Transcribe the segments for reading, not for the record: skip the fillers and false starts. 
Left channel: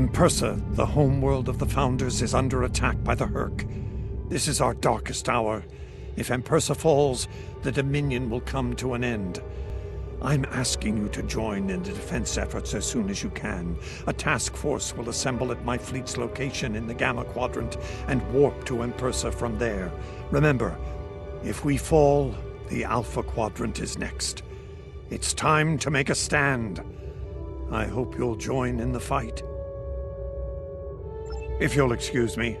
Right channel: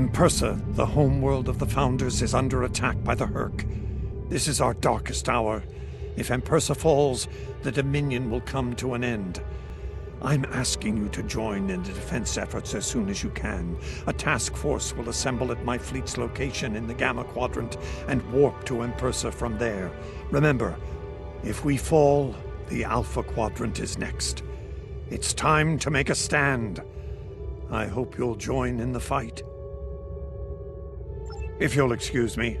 Empersa, the homeworld of the Founders, is under attack by the Hur'q. This is our darkest hour. If Empersa falls, the Dominion will come to an end. I'm asking you to join in the defense efforts as soon as you can. A task force will assemble at my fleet's location in the Gamma Quadrant and warp to Empersa from there. Remember, if we fall, the Alpha Quadrant is next. It's time to make a stand. I hope you'll join in the fight. If you'll excuse me.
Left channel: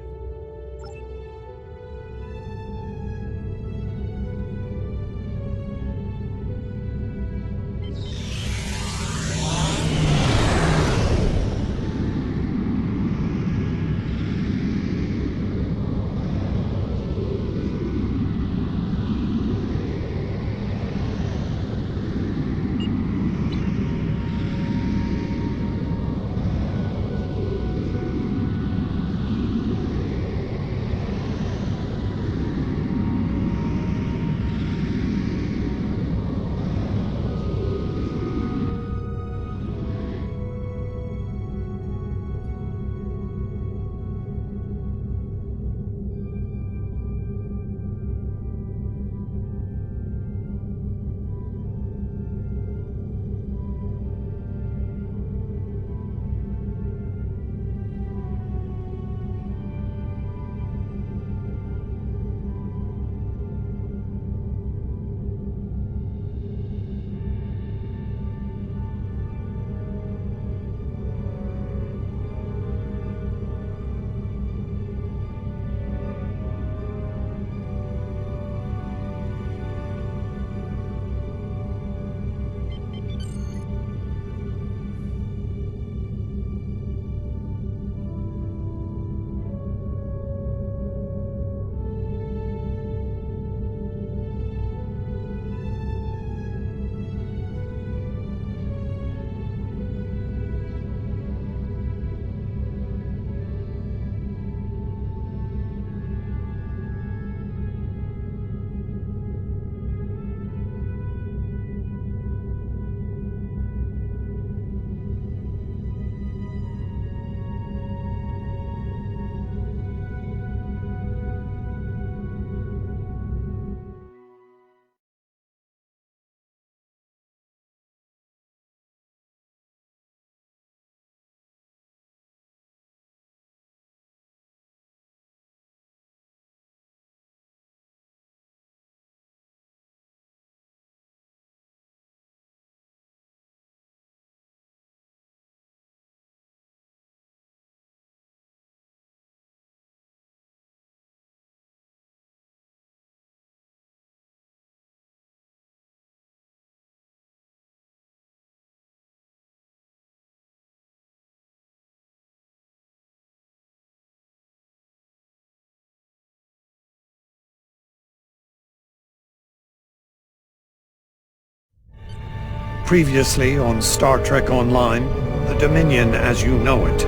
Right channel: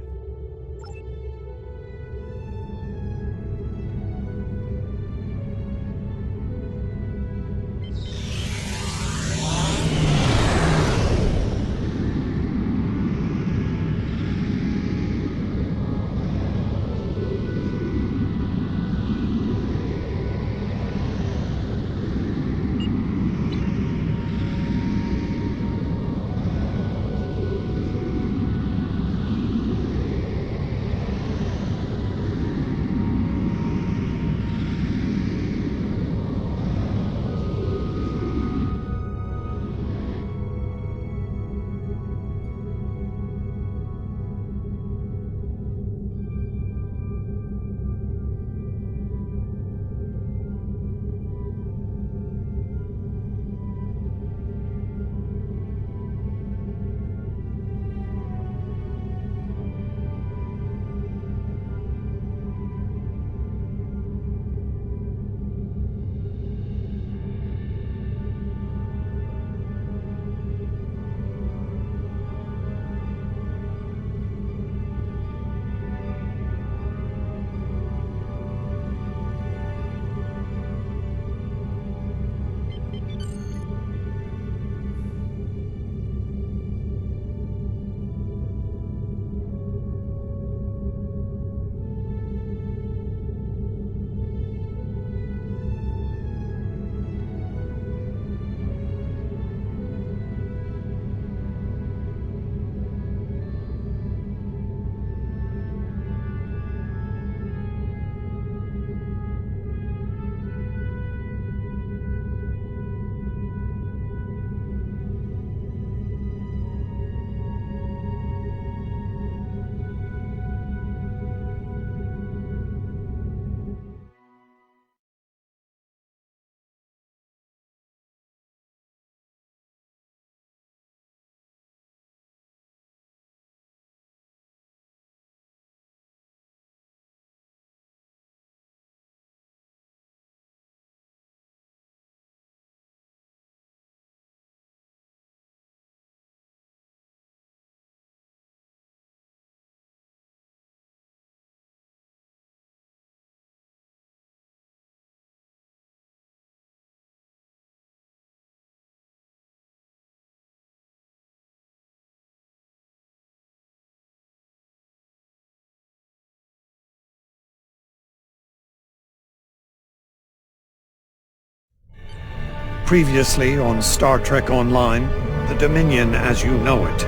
Previously on Star Trek Online, the Dominion as you know it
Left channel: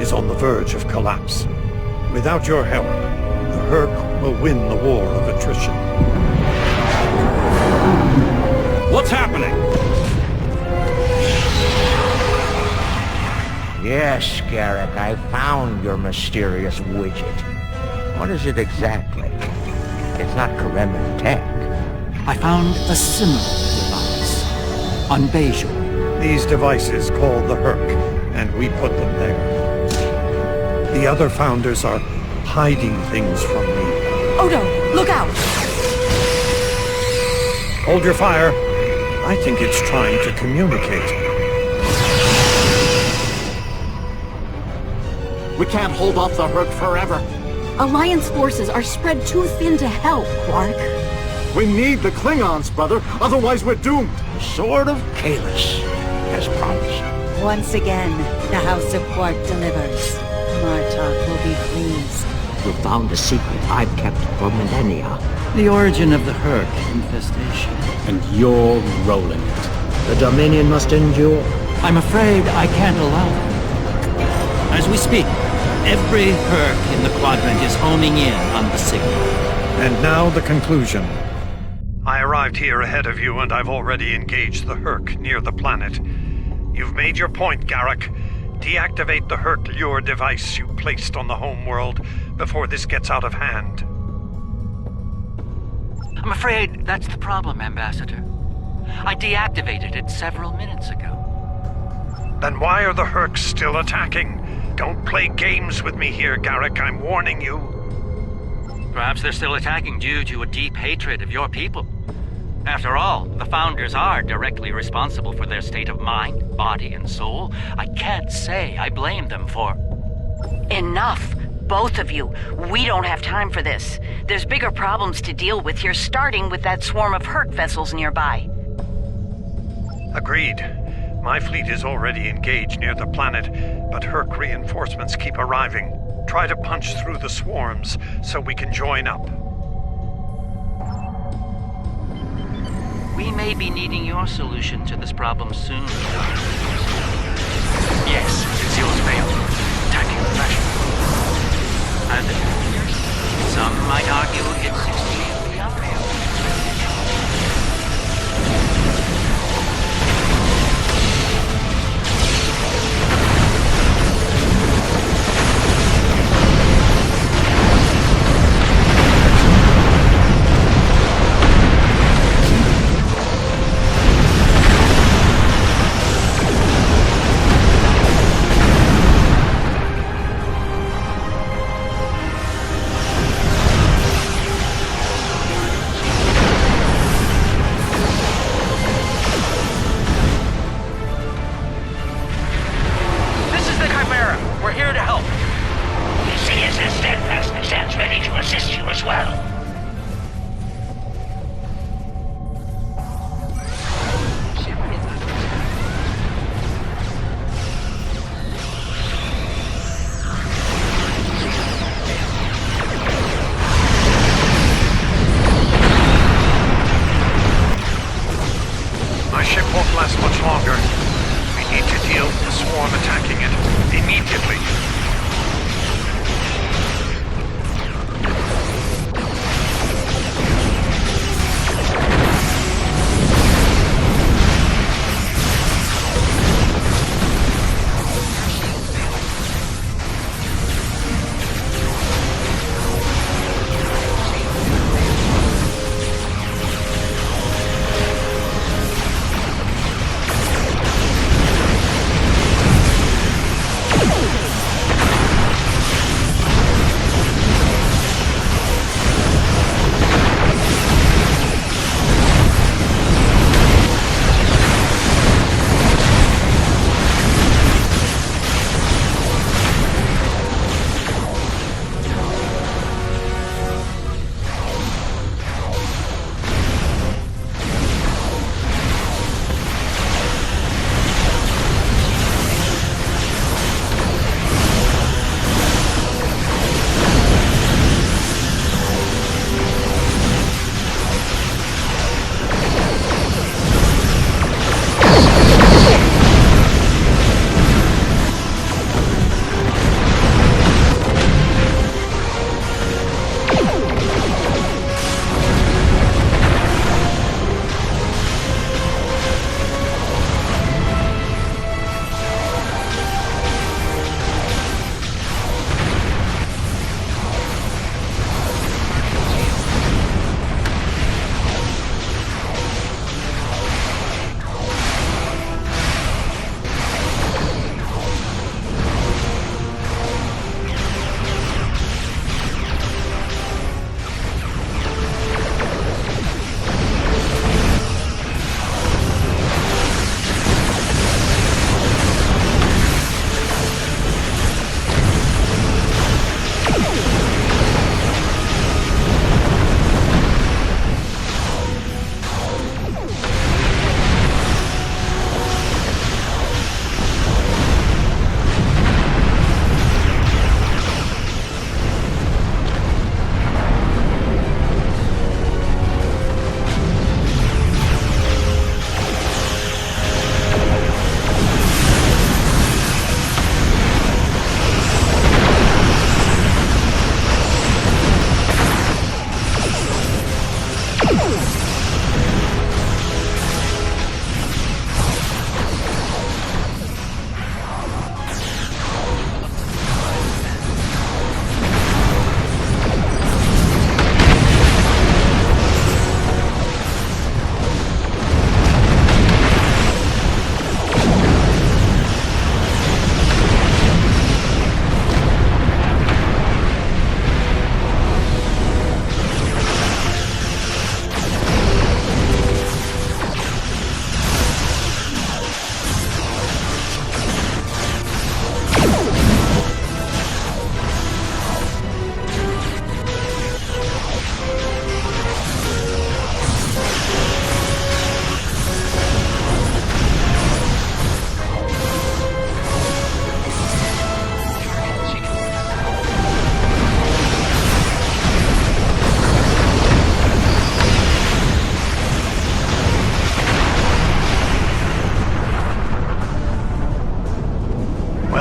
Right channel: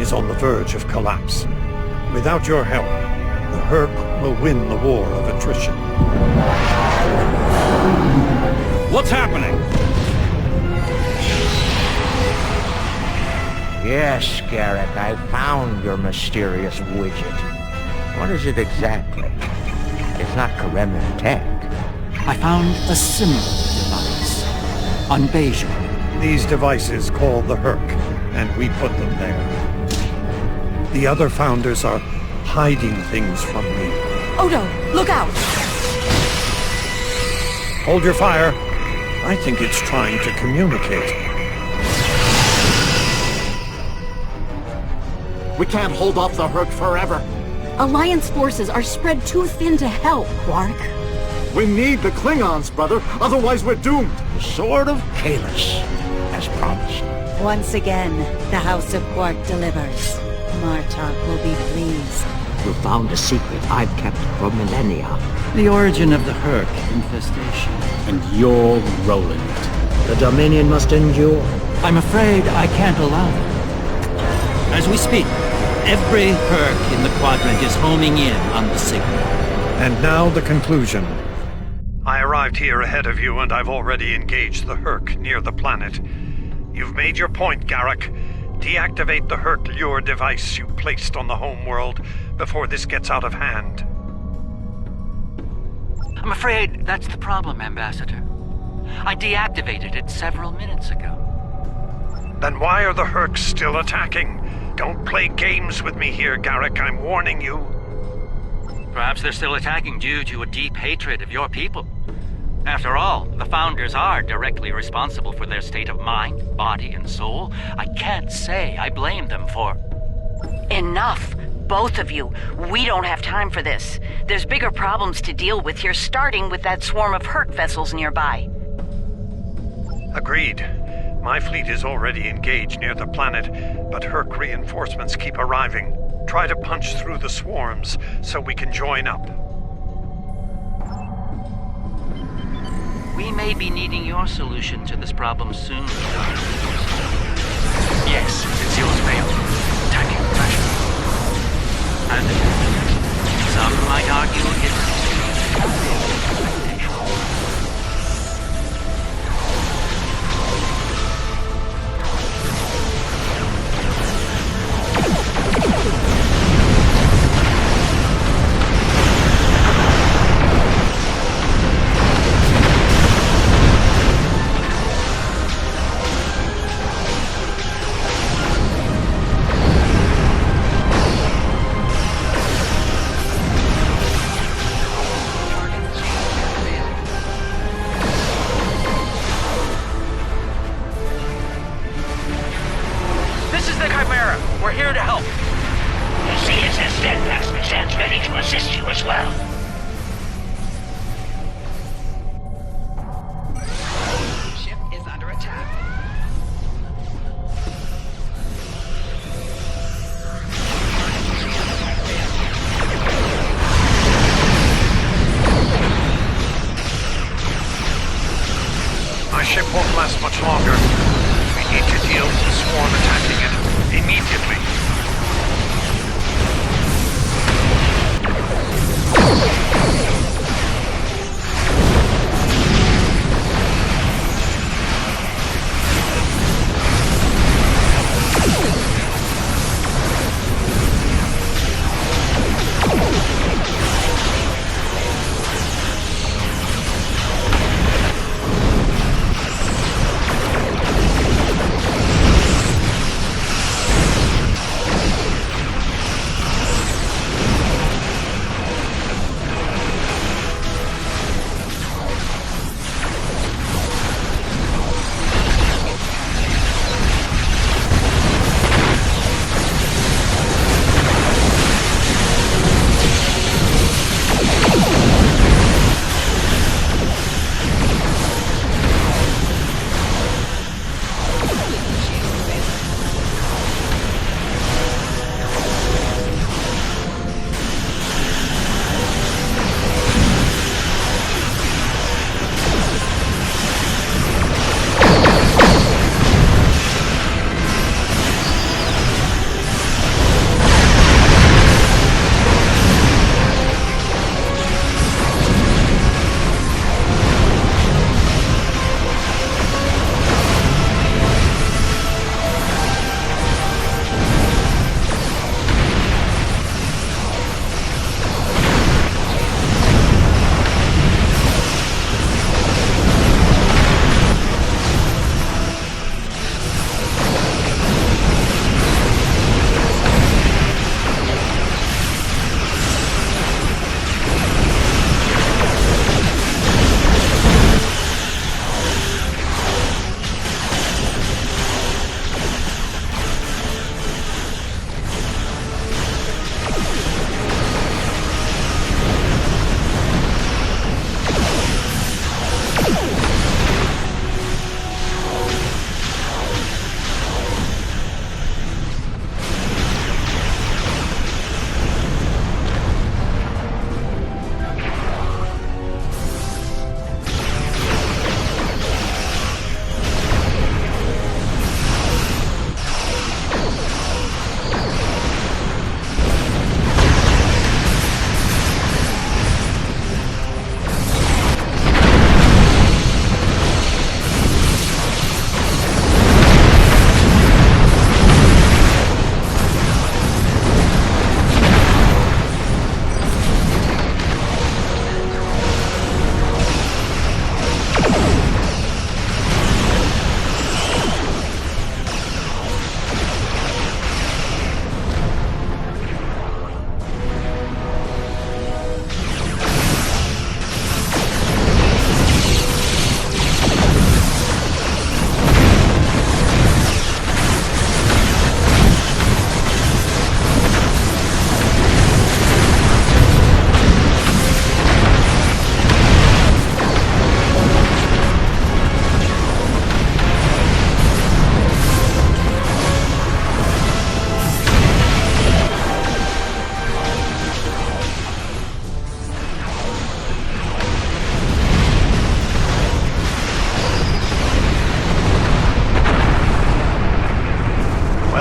is on the verge of collapse. Without your help, the Hur'q will win the war of attrition. What's happening? Yes, Garrick, I found your mysterious widget. What is it exactly? It's not Kremen tech. I found a similar device on Bejor. These devices called the Hur'q, and we put them there. The other Founders are hiding things from me. Odo, look out! Hold your fire. I think it's trying to communicate. We can't hold off the Hur'q forever. Alliance forces are spread too thin to help, Hur'q. We need the Klingons, brother, otherwise we're doomed. The Sword of Kahless, as promised. Once again, the House of Quark delivers. Martok will be pleased. You found a secret I've kept for millennia. The origin of the Hur'q infestation. And you're rolling it. The Dominion must endure. I'm afraid I can't allow that. As we speak, every Hur'q in the Quadrant is homing in on the signal. And now the conclusion. I arrived here ahead of you, and I've already engaged the Hur'q near the planet. You've made your point, Garrick. Deactivate the Hur'q lure device you placed on the homeworld before this gets out of hand. I'm afraid that's the problem, Ambassador. I deactivated it several minutes ago. Then why are the Hur'q still attacking? Don't play games with me here, Garrick. I'm warning you. Perhaps they're still attacking due to a deep hatred of your people. After all, the Founders are directly responsible for their state of mind, body, and soul. I can't say I blame them for... Enough! Both of you. We don't have time for this. There's bigger problems to deal with here, starting with that swarm of Hur'q vessels nearby. Agreed. My fleet is already engaged near the planet, but Hur'q reinforcements keep arriving. Try to punch through the swarms so we can join up. We may be needing your solution to this problem soon. Yes, it's yours, Vale. Attacking the fashion. And some might argue it's extremely unreal. We're here to help. The CSS Steadfast stands ready to assist you as well. Ship is under attack. My ship won't last much longer. We need to deal with the swarm attacking it immediately.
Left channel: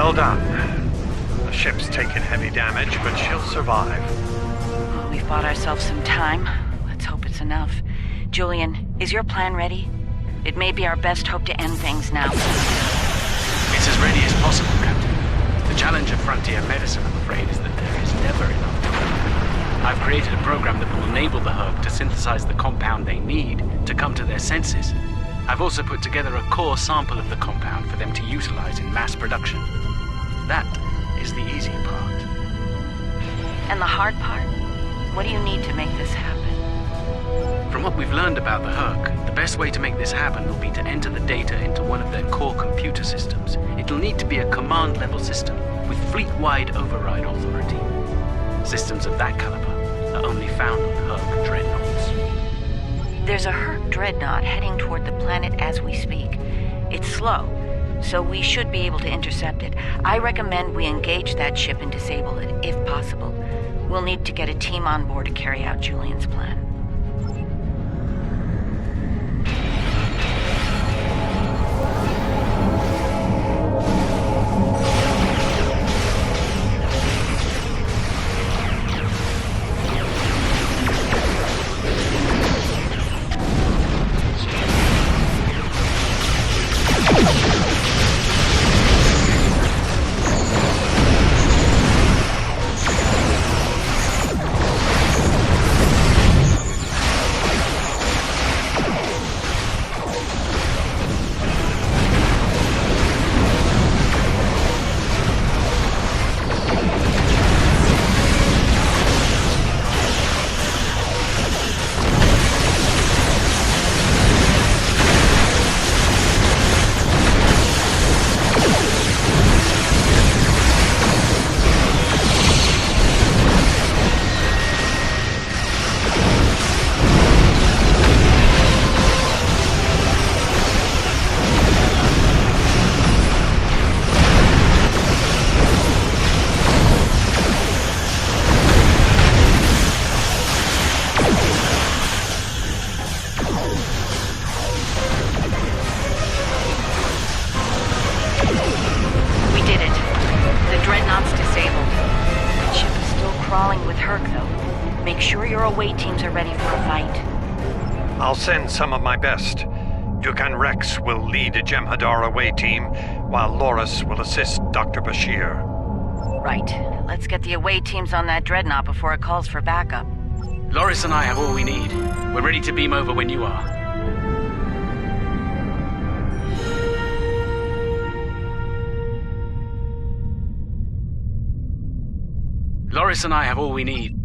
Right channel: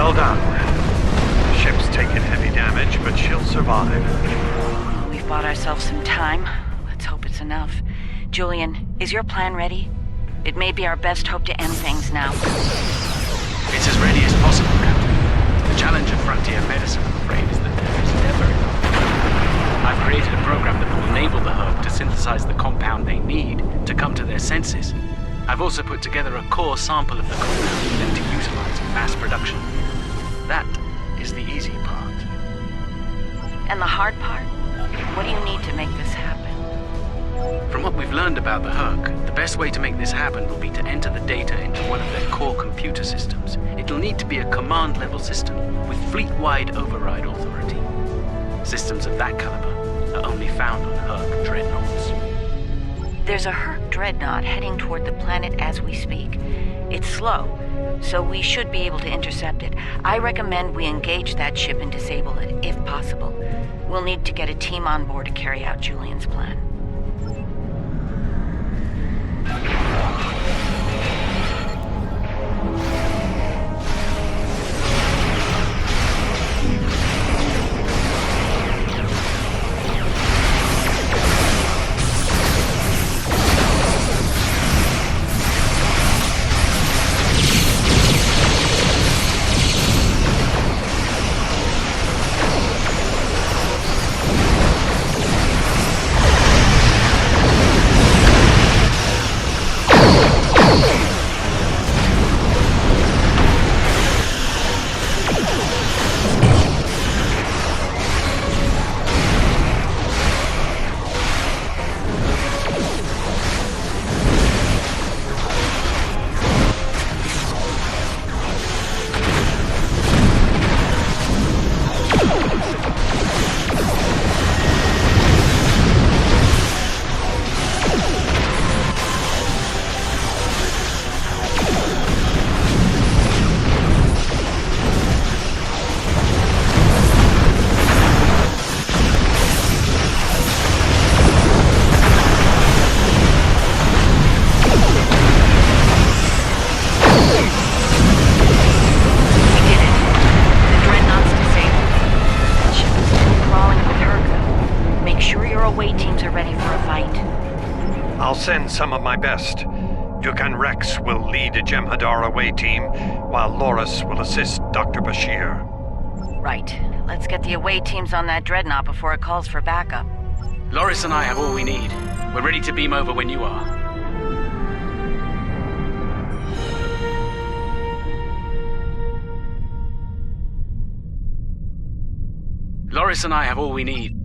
Well done. The ship's taken heavy damage, but she'll survive. Well, we've bought ourselves some time. Let's hope it's enough. Julian, is your plan ready? It may be our best hope to end things now. It's as ready as possible, Captain. The challenge of frontier medicine, I'm afraid, is that there is never enough. I've created a program that will enable the Hur'q to synthesize the compound they need to come to their senses. I've also put together a core sample of the compound for them to utilize in mass production. That is the easy part. And the hard part? What do you need to make this happen? From what we've learned about the Hur'q, the best way to make this happen will be to enter the data into one of their core computer systems. It'll need to be a command-level system with fleet-wide override authority. Systems of that caliber are only found on Hur'q dreadnoughts. There's a Hur'q dreadnought heading toward the planet as we speak. It's slow, so we should be able to intercept it. I recommend we engage that ship and disable it, if possible. We'll need to get a team on board to carry out Julian's plan. I'll send some of my best. Dukan Rex will lead a Jem'Hadar away team, while Loris will assist Dr. Bashir. Right. Let's get the away teams on that dreadnought before it calls for backup. Loris and I have all we need. We're ready to beam over when you are. Loris and I have all we need.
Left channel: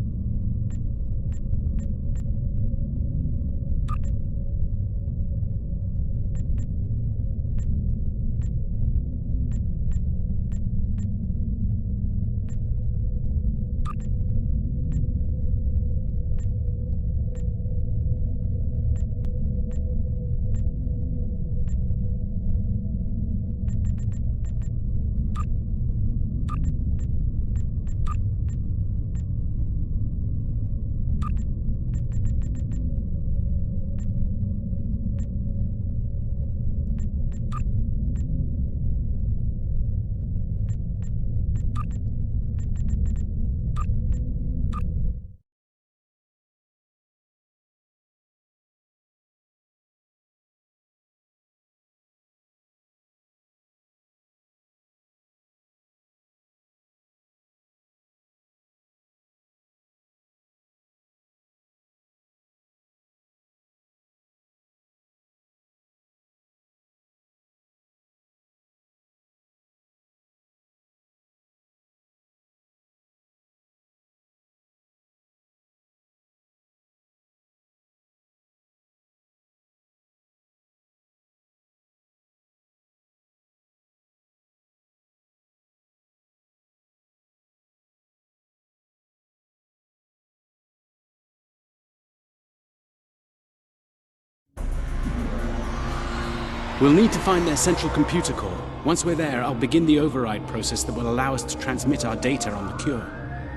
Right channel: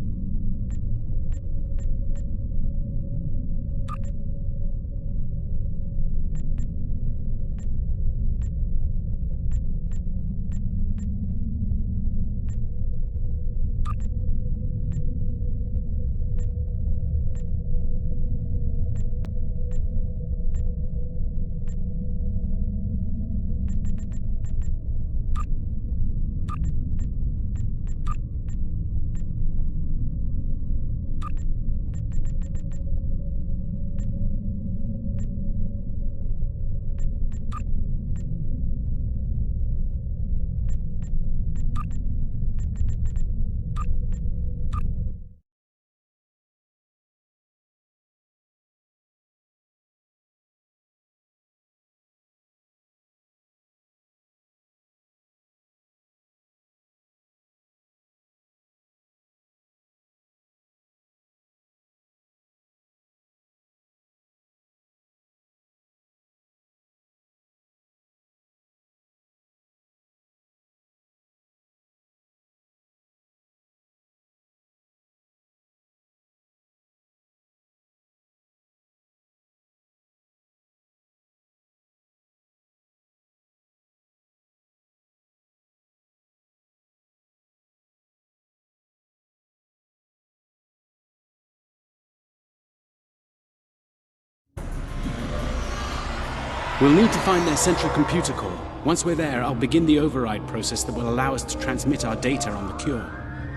We'll need to find their central computer core. Once we're there, I'll begin the override process that will allow us to transmit our data on the cure.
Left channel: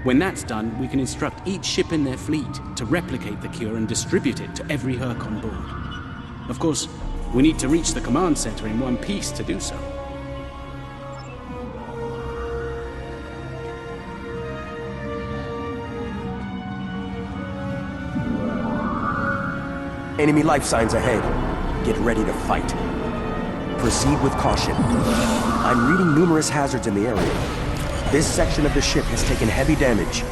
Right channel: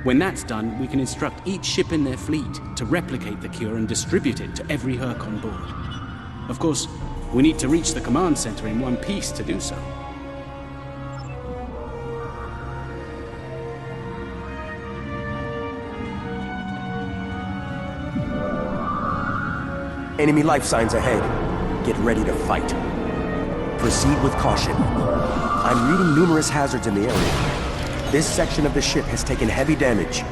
When that's done, we can instruct each ship in their fleet to replicate the cure and distribute it to every Hur'q on board. Of course, we need to reach the command center in one piece to do so. Enemy life signs ahead. Get ready to fight. Proceed with caution. I'm reading numerous hazards in the area. This section of the ship has taken heavy damage.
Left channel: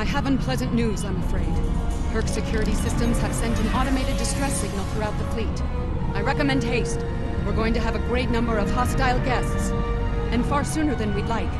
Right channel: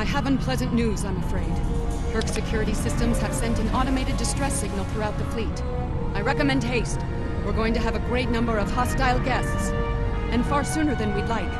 I have unpleasant news, I'm afraid. Hur'q security systems have sent an automated distress signal throughout the fleet. I recommend haste. We're going to have a great number of hostile guests, and far sooner than we'd like.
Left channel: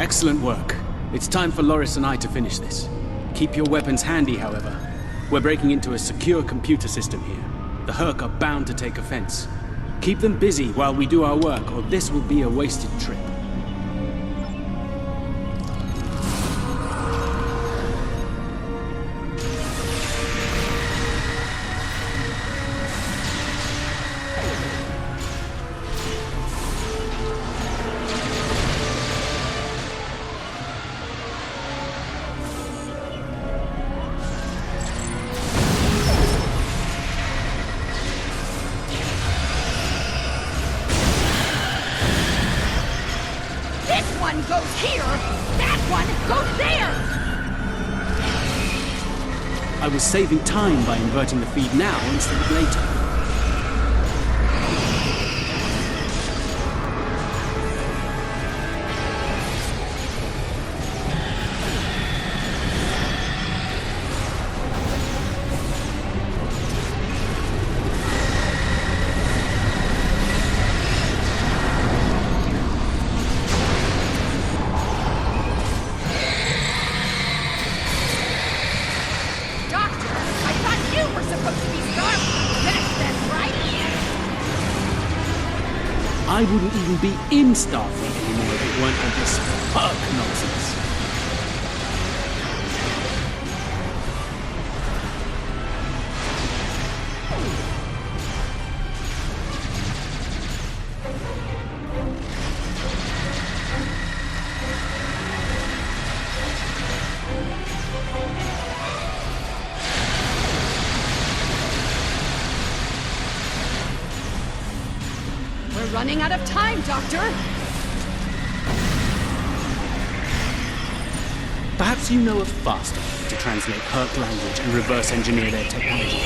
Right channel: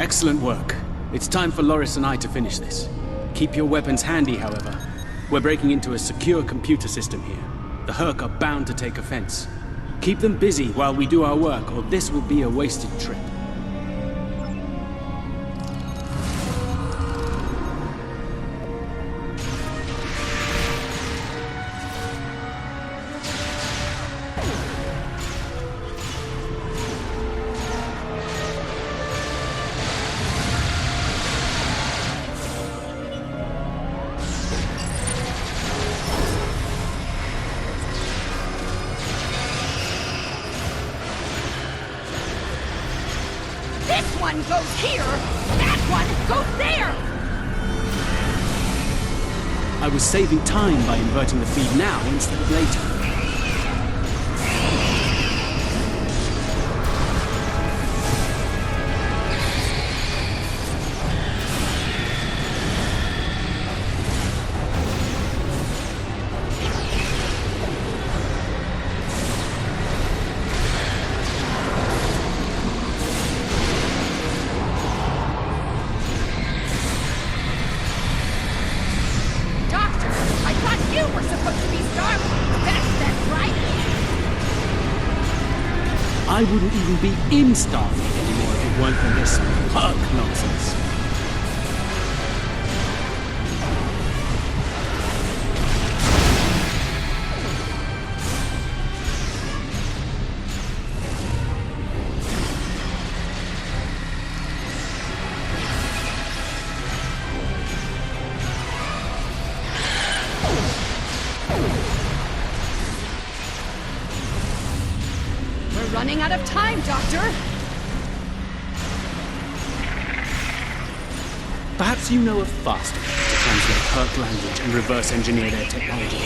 Excellent work. It's time for Loris and I to finish this. Keep your weapons handy, however. We're breaking into a secure computer system here. The Hur'q are bound to take offense. Keep them busy while we do our work, or this will be a wasted trip. One goes here, that one goes there! I was saving time by inverting the feed now instead of later. I wouldn't even be in Starfleet anymore if it weren't for this Hur'q nonsense. Running out of time, Doctor! Perhaps you know a faster way to translate Hur'q language and reverse engineer their technology.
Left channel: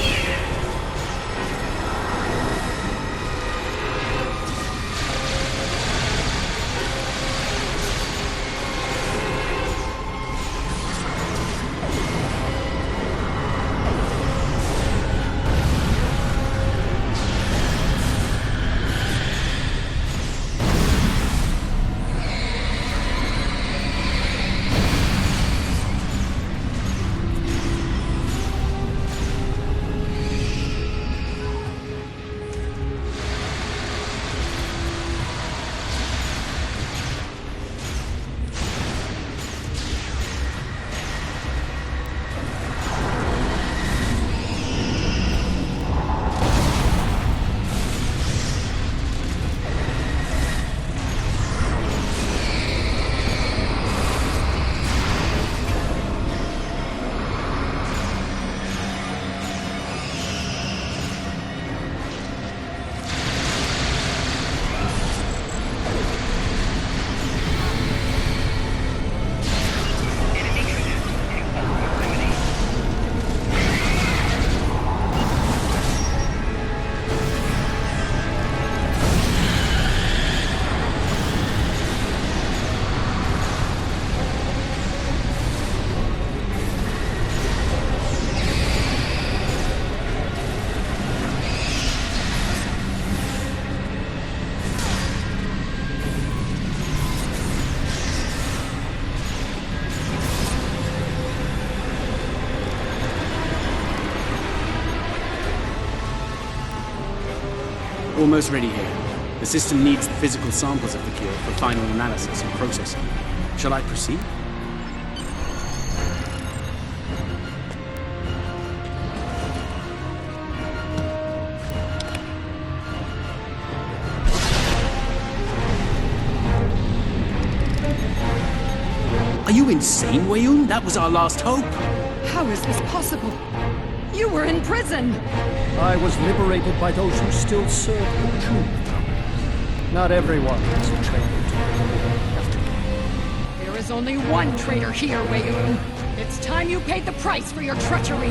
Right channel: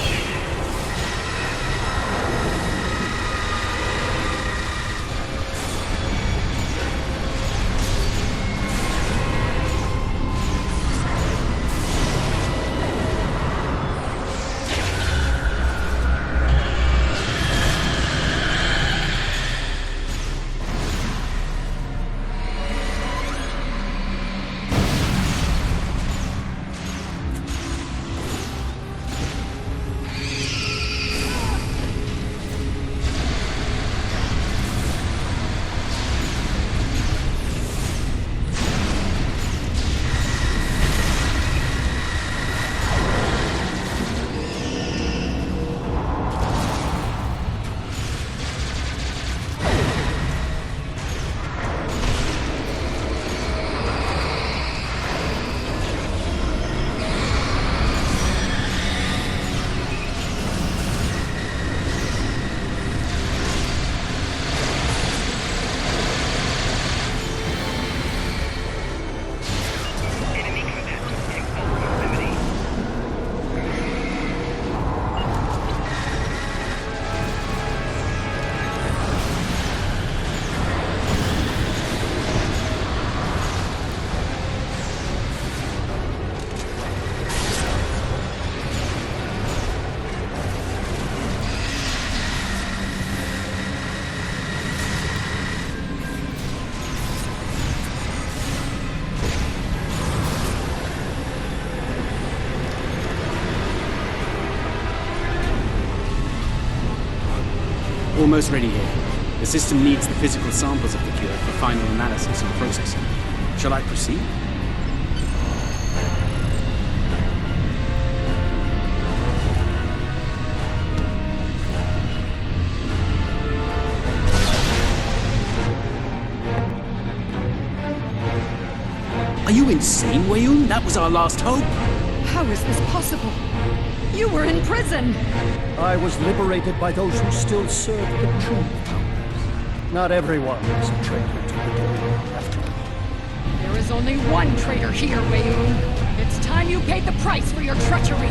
Almost ready here. The system needs the physical samples of the cure for final analysis and processing. Shall I proceed? Are you insane, Weyoun? That was our last hope. How is this possible? You were in prison! I was liberated by those who still serve the true founders. Not everyone is a traitor to the Dominion, after all. There is only one traitor here, Weyoun. It's time you paid the price for your treachery.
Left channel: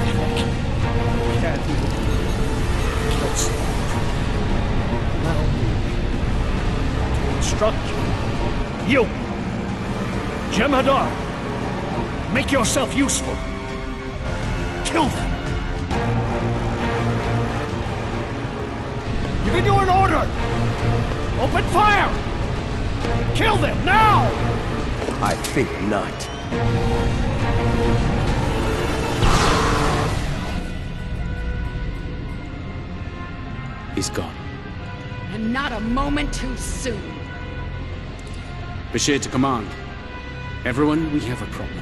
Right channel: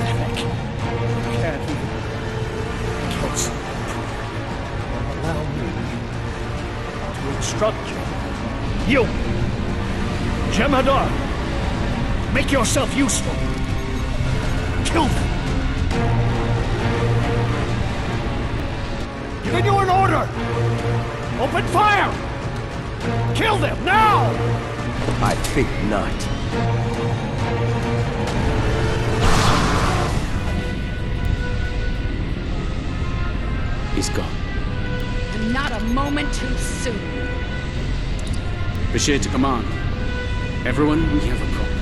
Pathetic. Can't even kill someone properly. Allow me to instruct you. You! Jem'Hadar! Make yourself useful! Kill them! Giving you an order! Open fire! Kill them, now! I think not. He's gone. And not a moment too soon. Bashir to command. Everyone, we have a problem.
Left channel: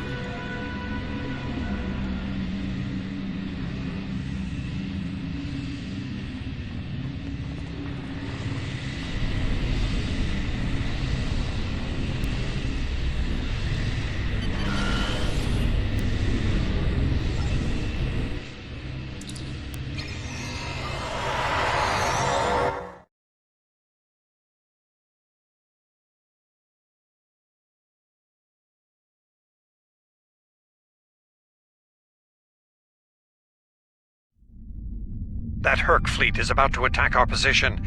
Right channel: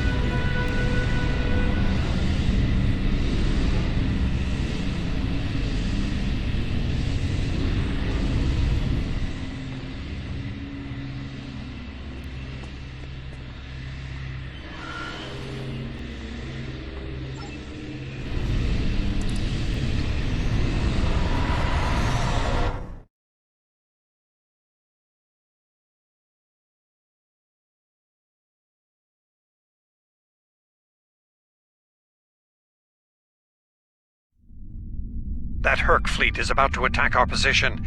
That Hur'q fleet is about to attack our position.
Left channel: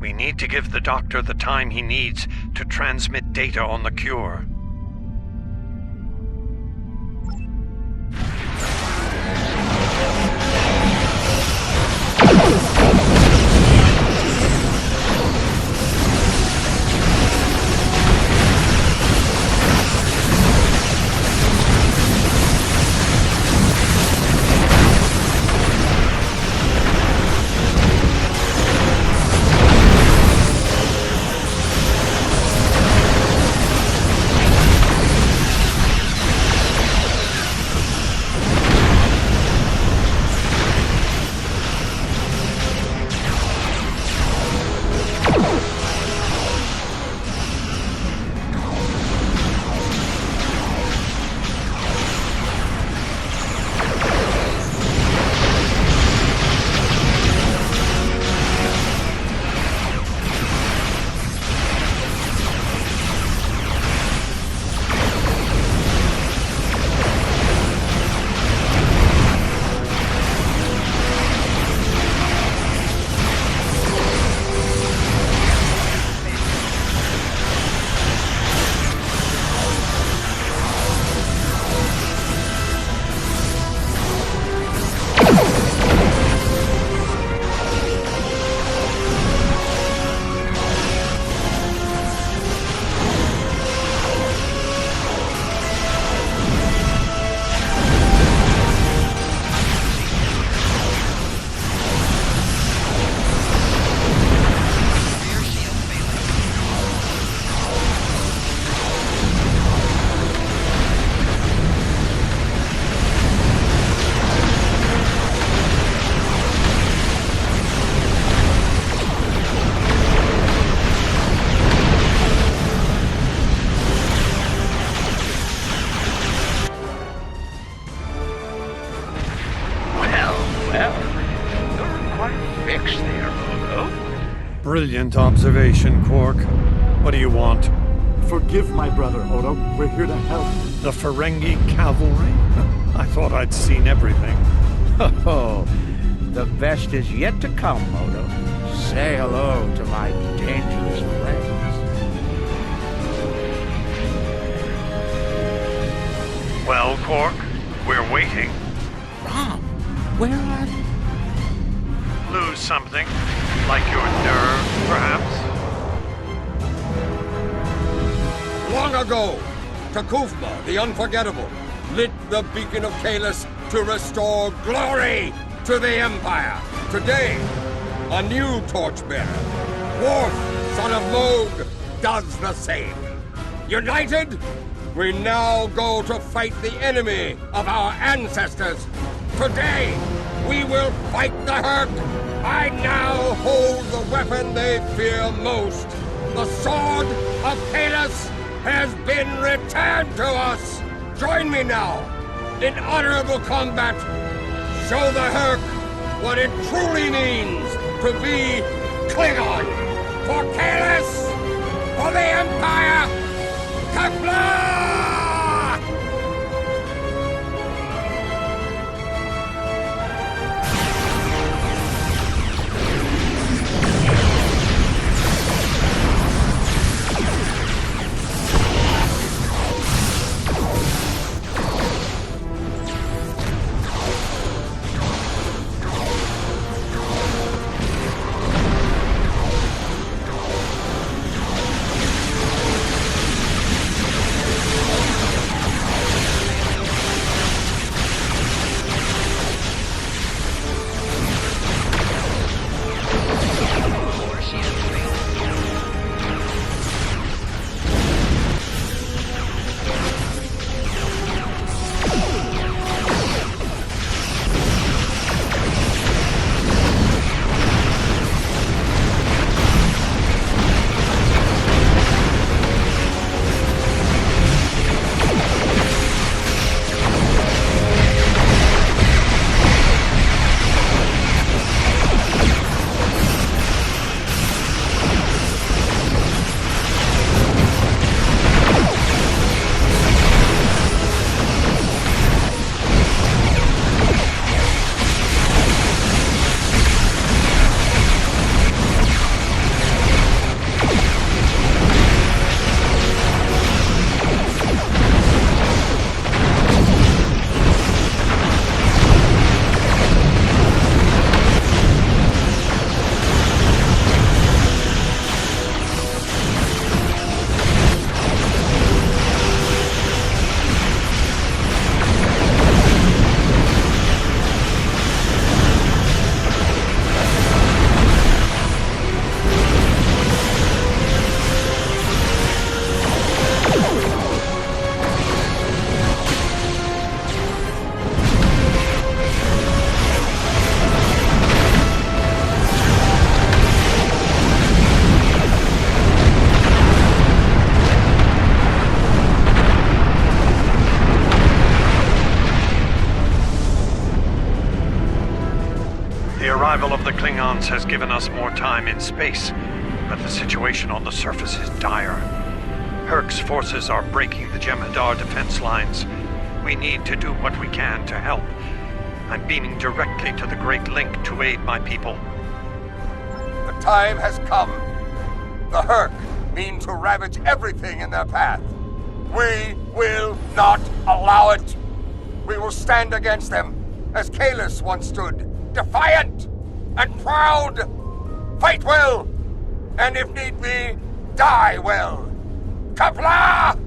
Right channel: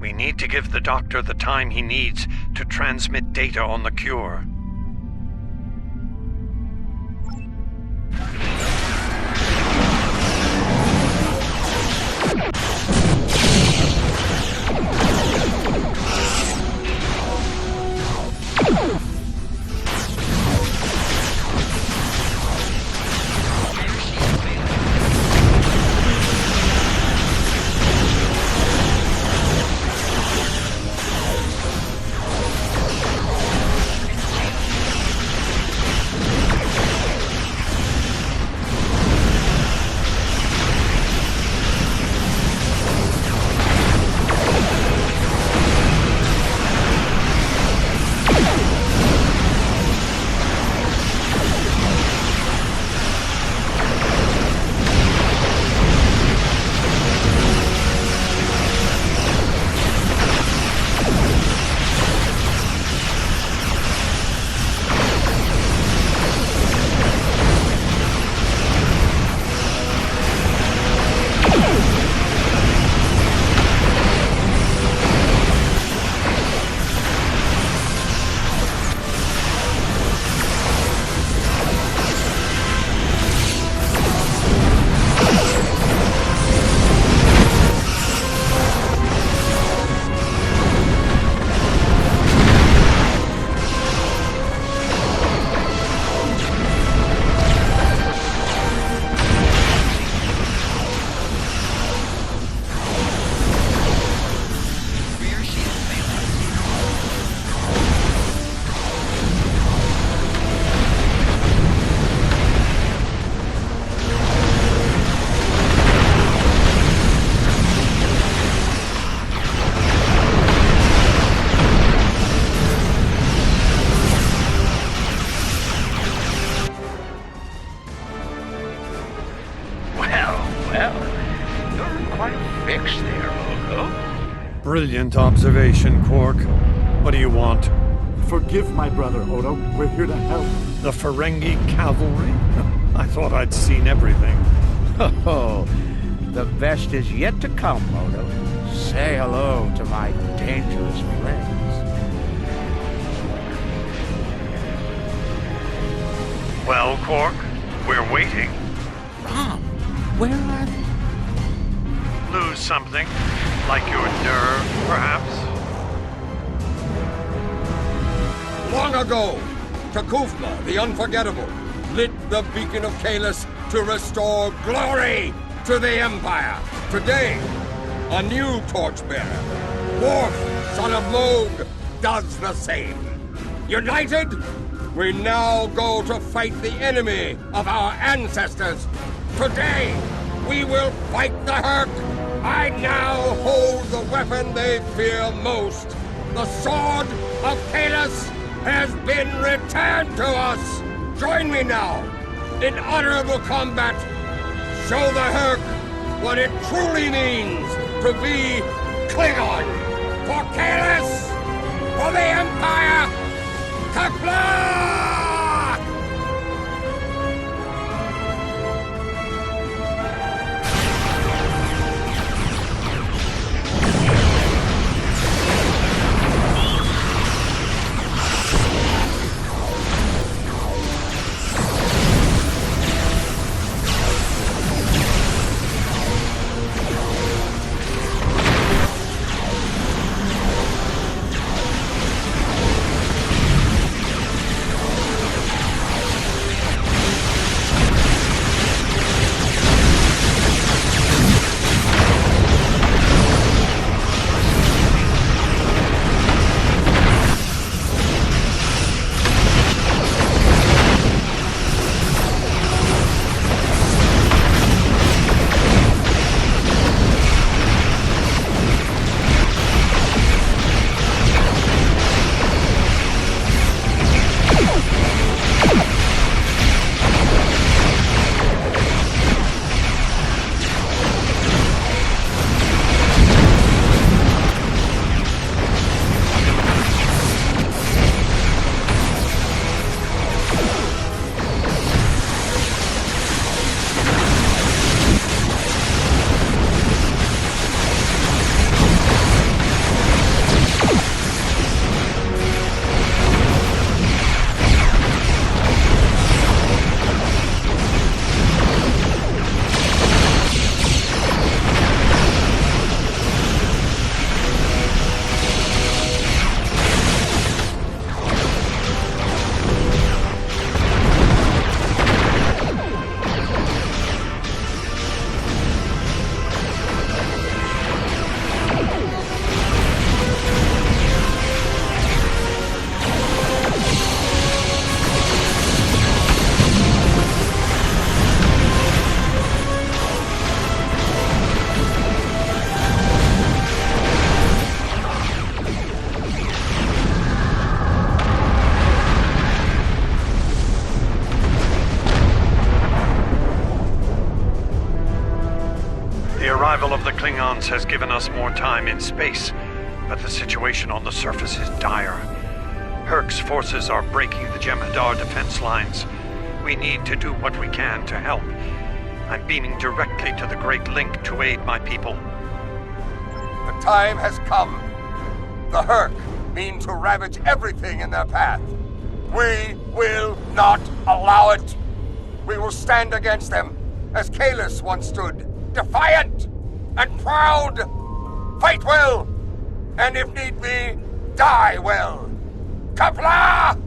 We need to give the Doctor the time he needs to transmit data on the cure. Brilliant observation, Quark. What do you want? Forgive my brother, Odo. We're here to help. The Ferengi cavalry? I thought I'd seen everything. Oh, the best is yet to come, Odo. Say hello to my dangerous friends. Well, Quark, we're waiting. Rom, where are they? Lose something? Like your nerve, perhaps? Long ago, Takufma, the Unforgettable, lit the beacon of Kahless to restore glory to the Empire. Today, a new torchbearer, Worf, son of Moog, does the same. United, we now go to fight the enemy of our ancestors. Today, we will fight the Hur'q. I now hold the weapon they fear most. The Sword of Kahless has been returned to us. Join me now in honorable combat. Show the Hur'q what it truly means to be Klingon. For Kahless, for the Empire, Kapla! arrival of the Klingons has given us more time in space, but the situation on the surface is dire. Hur'q's forces are breaking the Jem'Hadar defense lines. We need to do what we can to help. I'm beaming directly to the Great Link to aid my people. The time has come. The Hur'q mean to ravage everything in their path. We will not allow it. We will stand against them, as Kahless once stood, defiant and proud. Fight well, and if need be, die well. Kapla!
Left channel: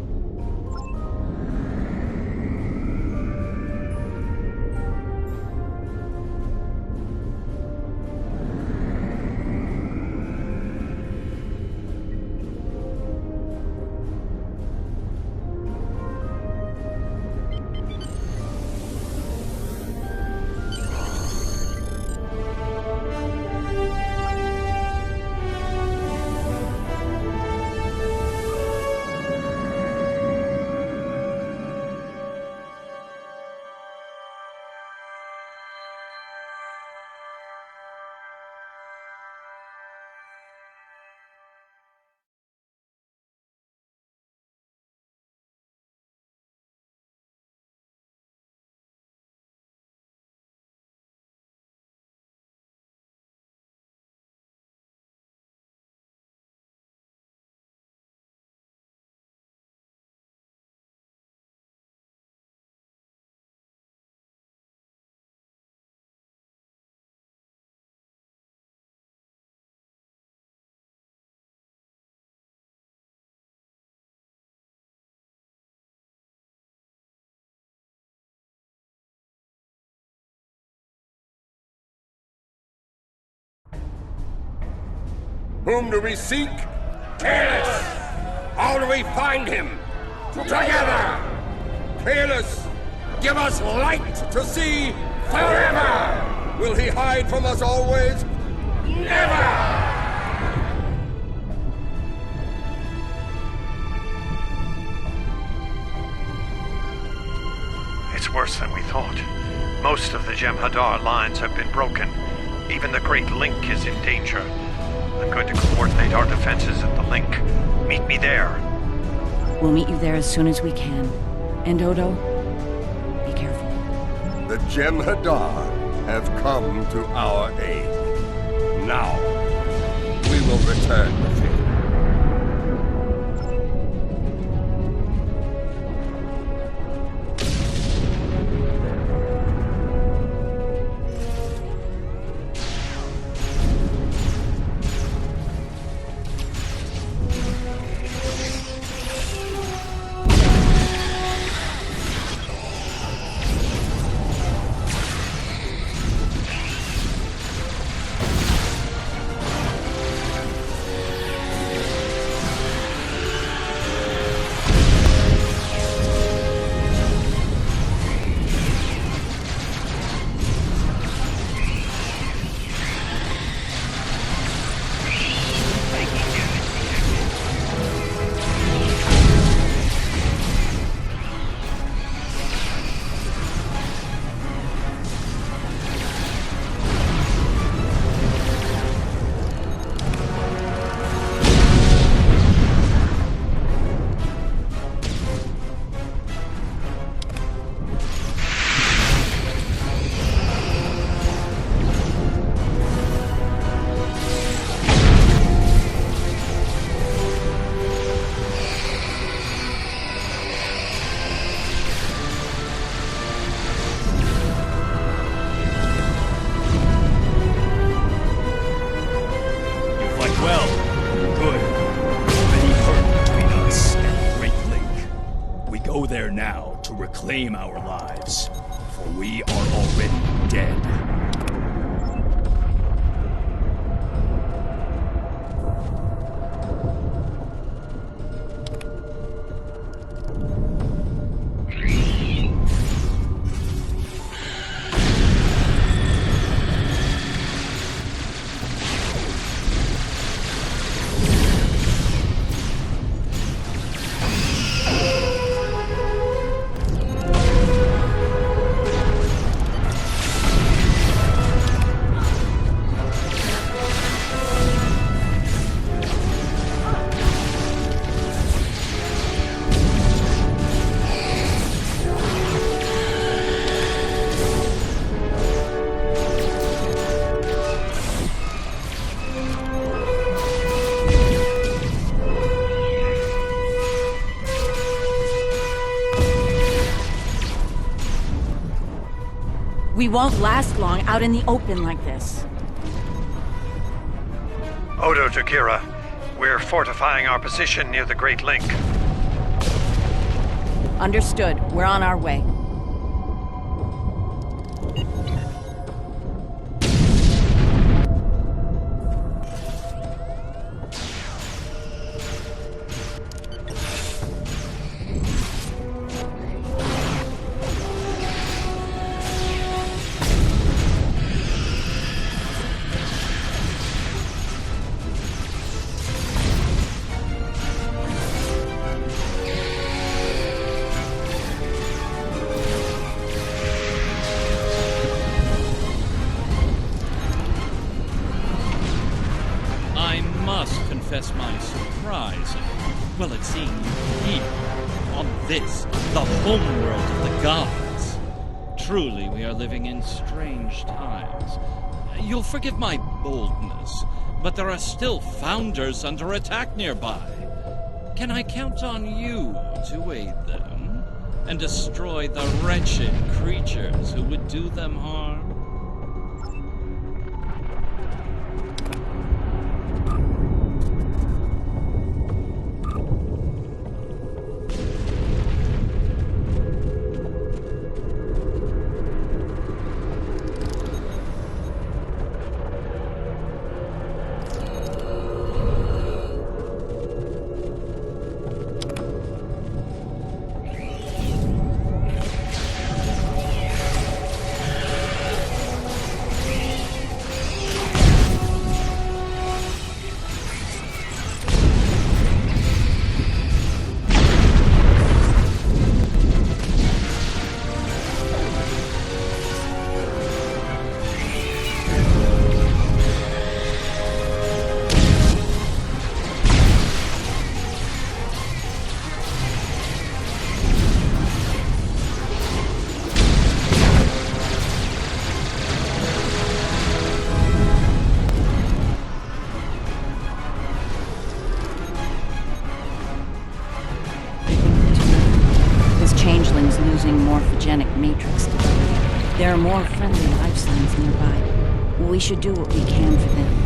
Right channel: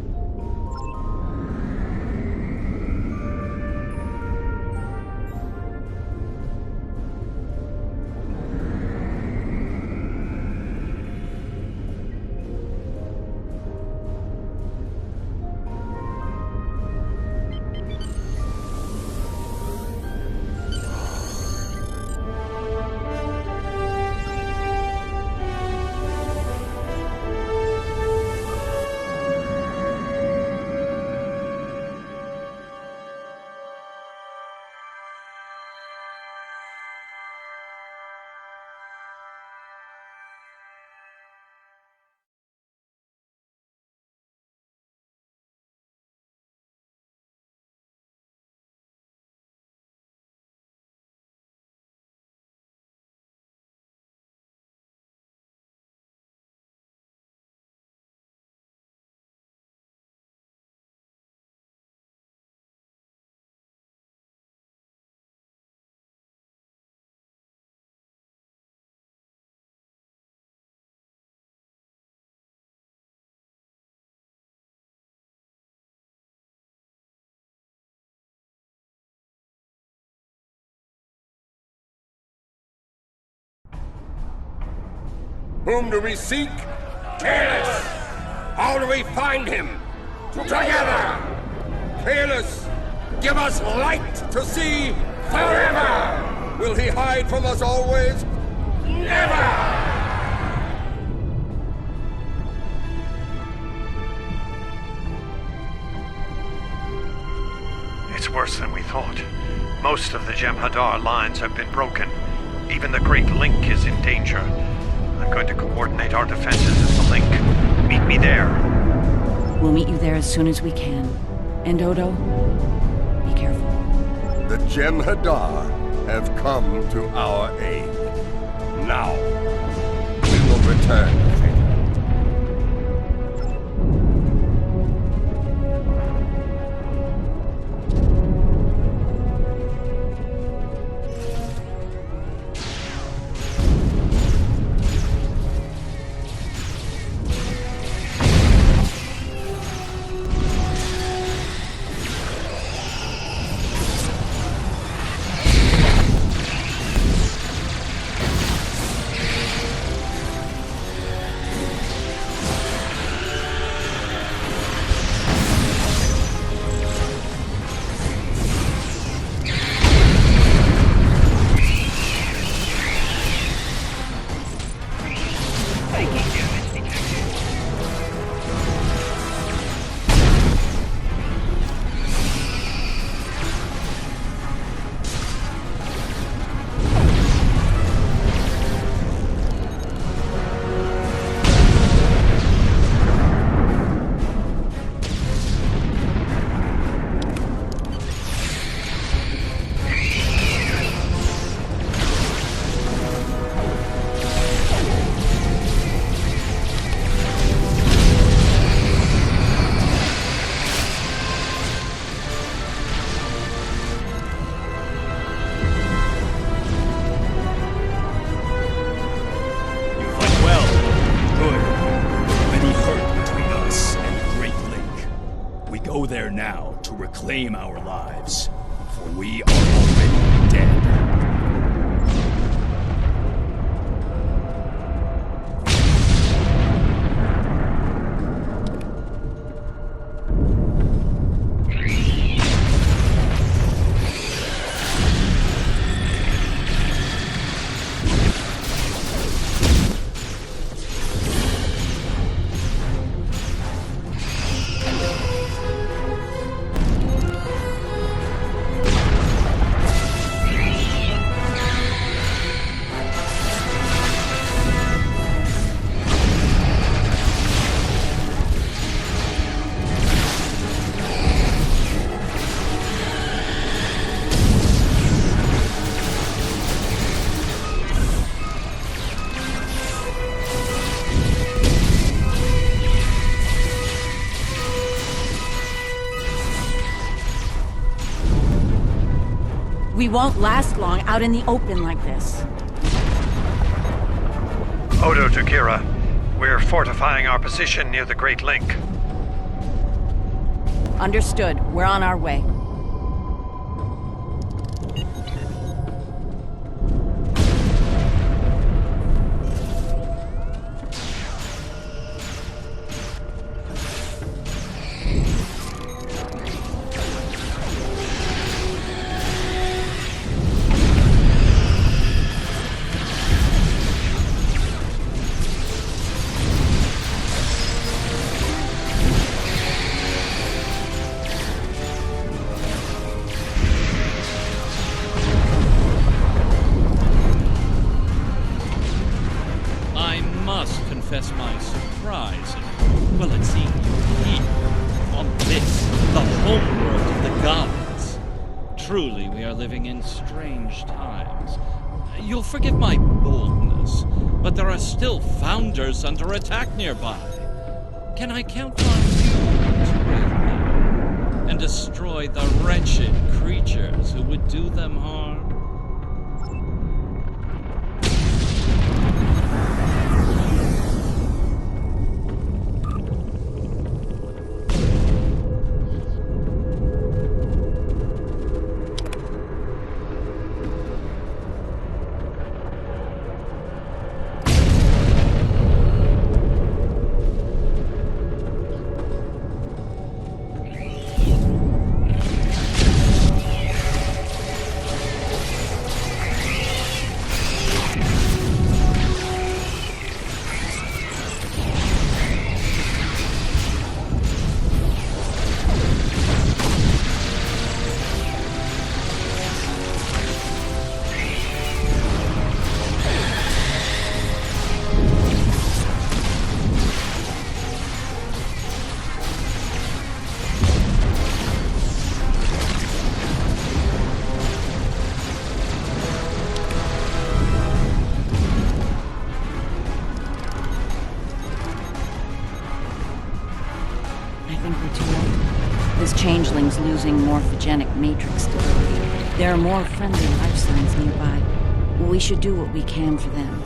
Whom do we seek? Kahless! How do we find him? Together! Kahless, give us light to see forever! Will he hide from us always? Never! It's worse than we thought. Most of the Jem'Hadar lines have been broken. Even the Great Link is in danger. I'm going to coordinate our defenses at the link. Meet me there. We'll meet you there as soon as we can. And Odo, be careful. The Jem'Hadar have come to our aid. Now, we will return the favor. Go there now to reclaim our lives, for we are already dead. We won't last long out in the open like this. Odo to Kira. We're fortifying our position near the Great Link. Understood. We're on our way. My surprise, well, at seeing you here, on this, the homeworld of the gods. Truly, we are living in strange times. You'll forgive my boldness, but there are still founders under attack nearby. Can I count on you to aid them, and destroy the wretched creatures who would do them harm? Changelings losing morphogenic matrix stability. There are more friendly life signs nearby. We should do what we can for them.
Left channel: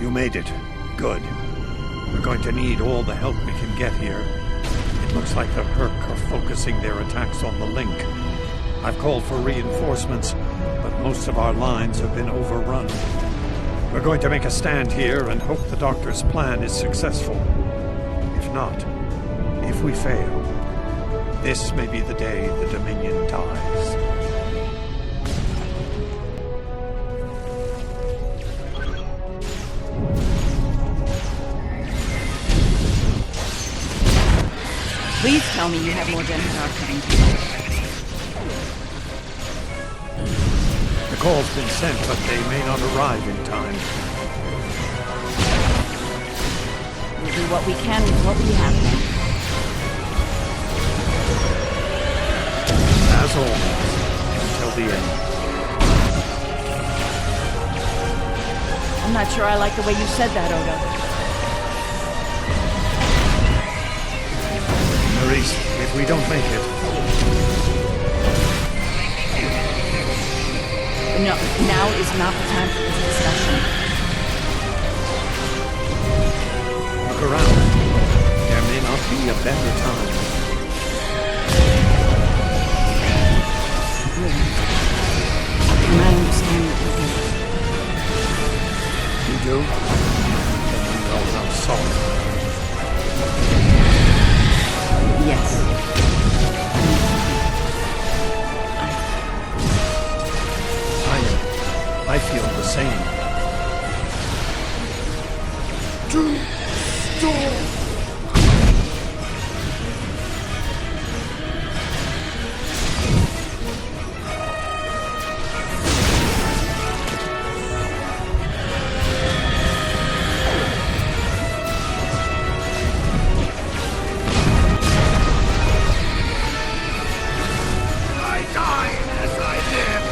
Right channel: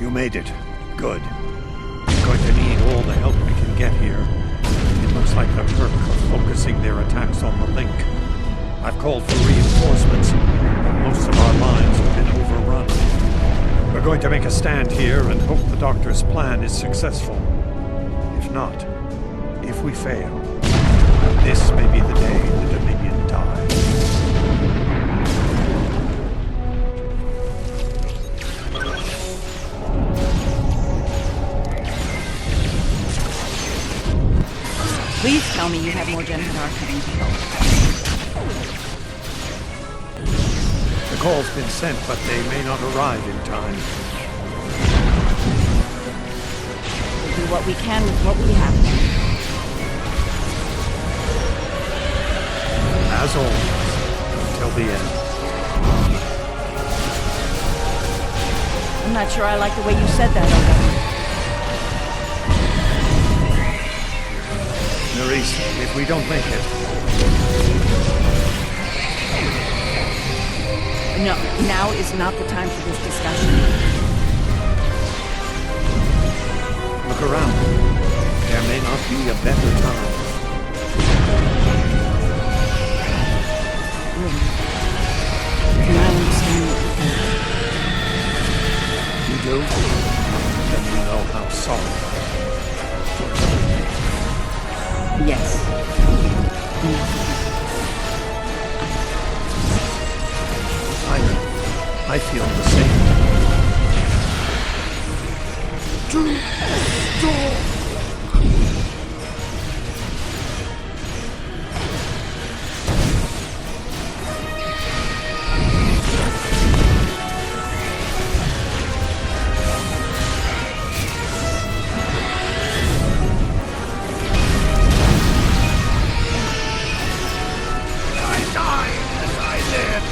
You made it. Good. We're going to need all the help we can get here. It looks like the Hur'q are focusing their attacks on the link. I've called for reinforcements, but most of our lines have been overrun. We're going to make a stand here and hope the Doctor's plan is successful. If not, if we fail, this may be the day the Dominion dies. Please tell me you have more Jem'Hadar coming to help. The call's been sent, but they may not arrive in time. We'll do what we can with what we have then. As always, until the end. I'm not sure I like the way you said that, Odo. Nerys, if we don't make it... No, now is not the time for this discussion. Look around. There may not be a better time. You're right. And I understand what you think. You do? Then you know how sorry I am. Yes. I know. I feel the same. I die as I live.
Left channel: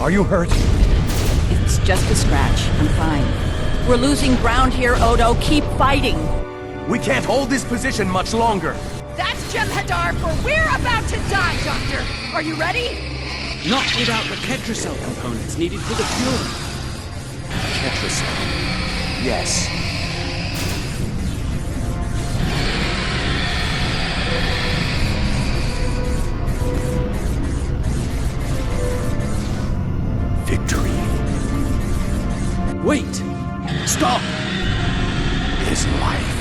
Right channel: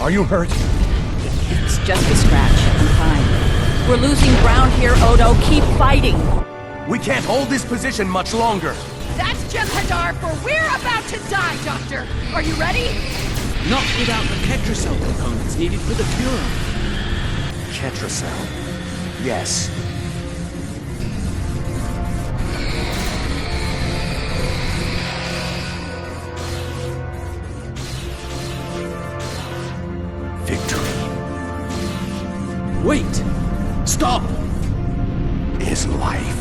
Are you hurt? It's just a scratch. I'm fine. We're losing ground here, Odo. Keep fighting. We can't hold this position much longer. That's Jem'Hadar, for we're about to die, Doctor. Are you ready? Not without the Ketracell components needed for the cure. Ketracell? Yes. Victory. Wait! Stop! Is life.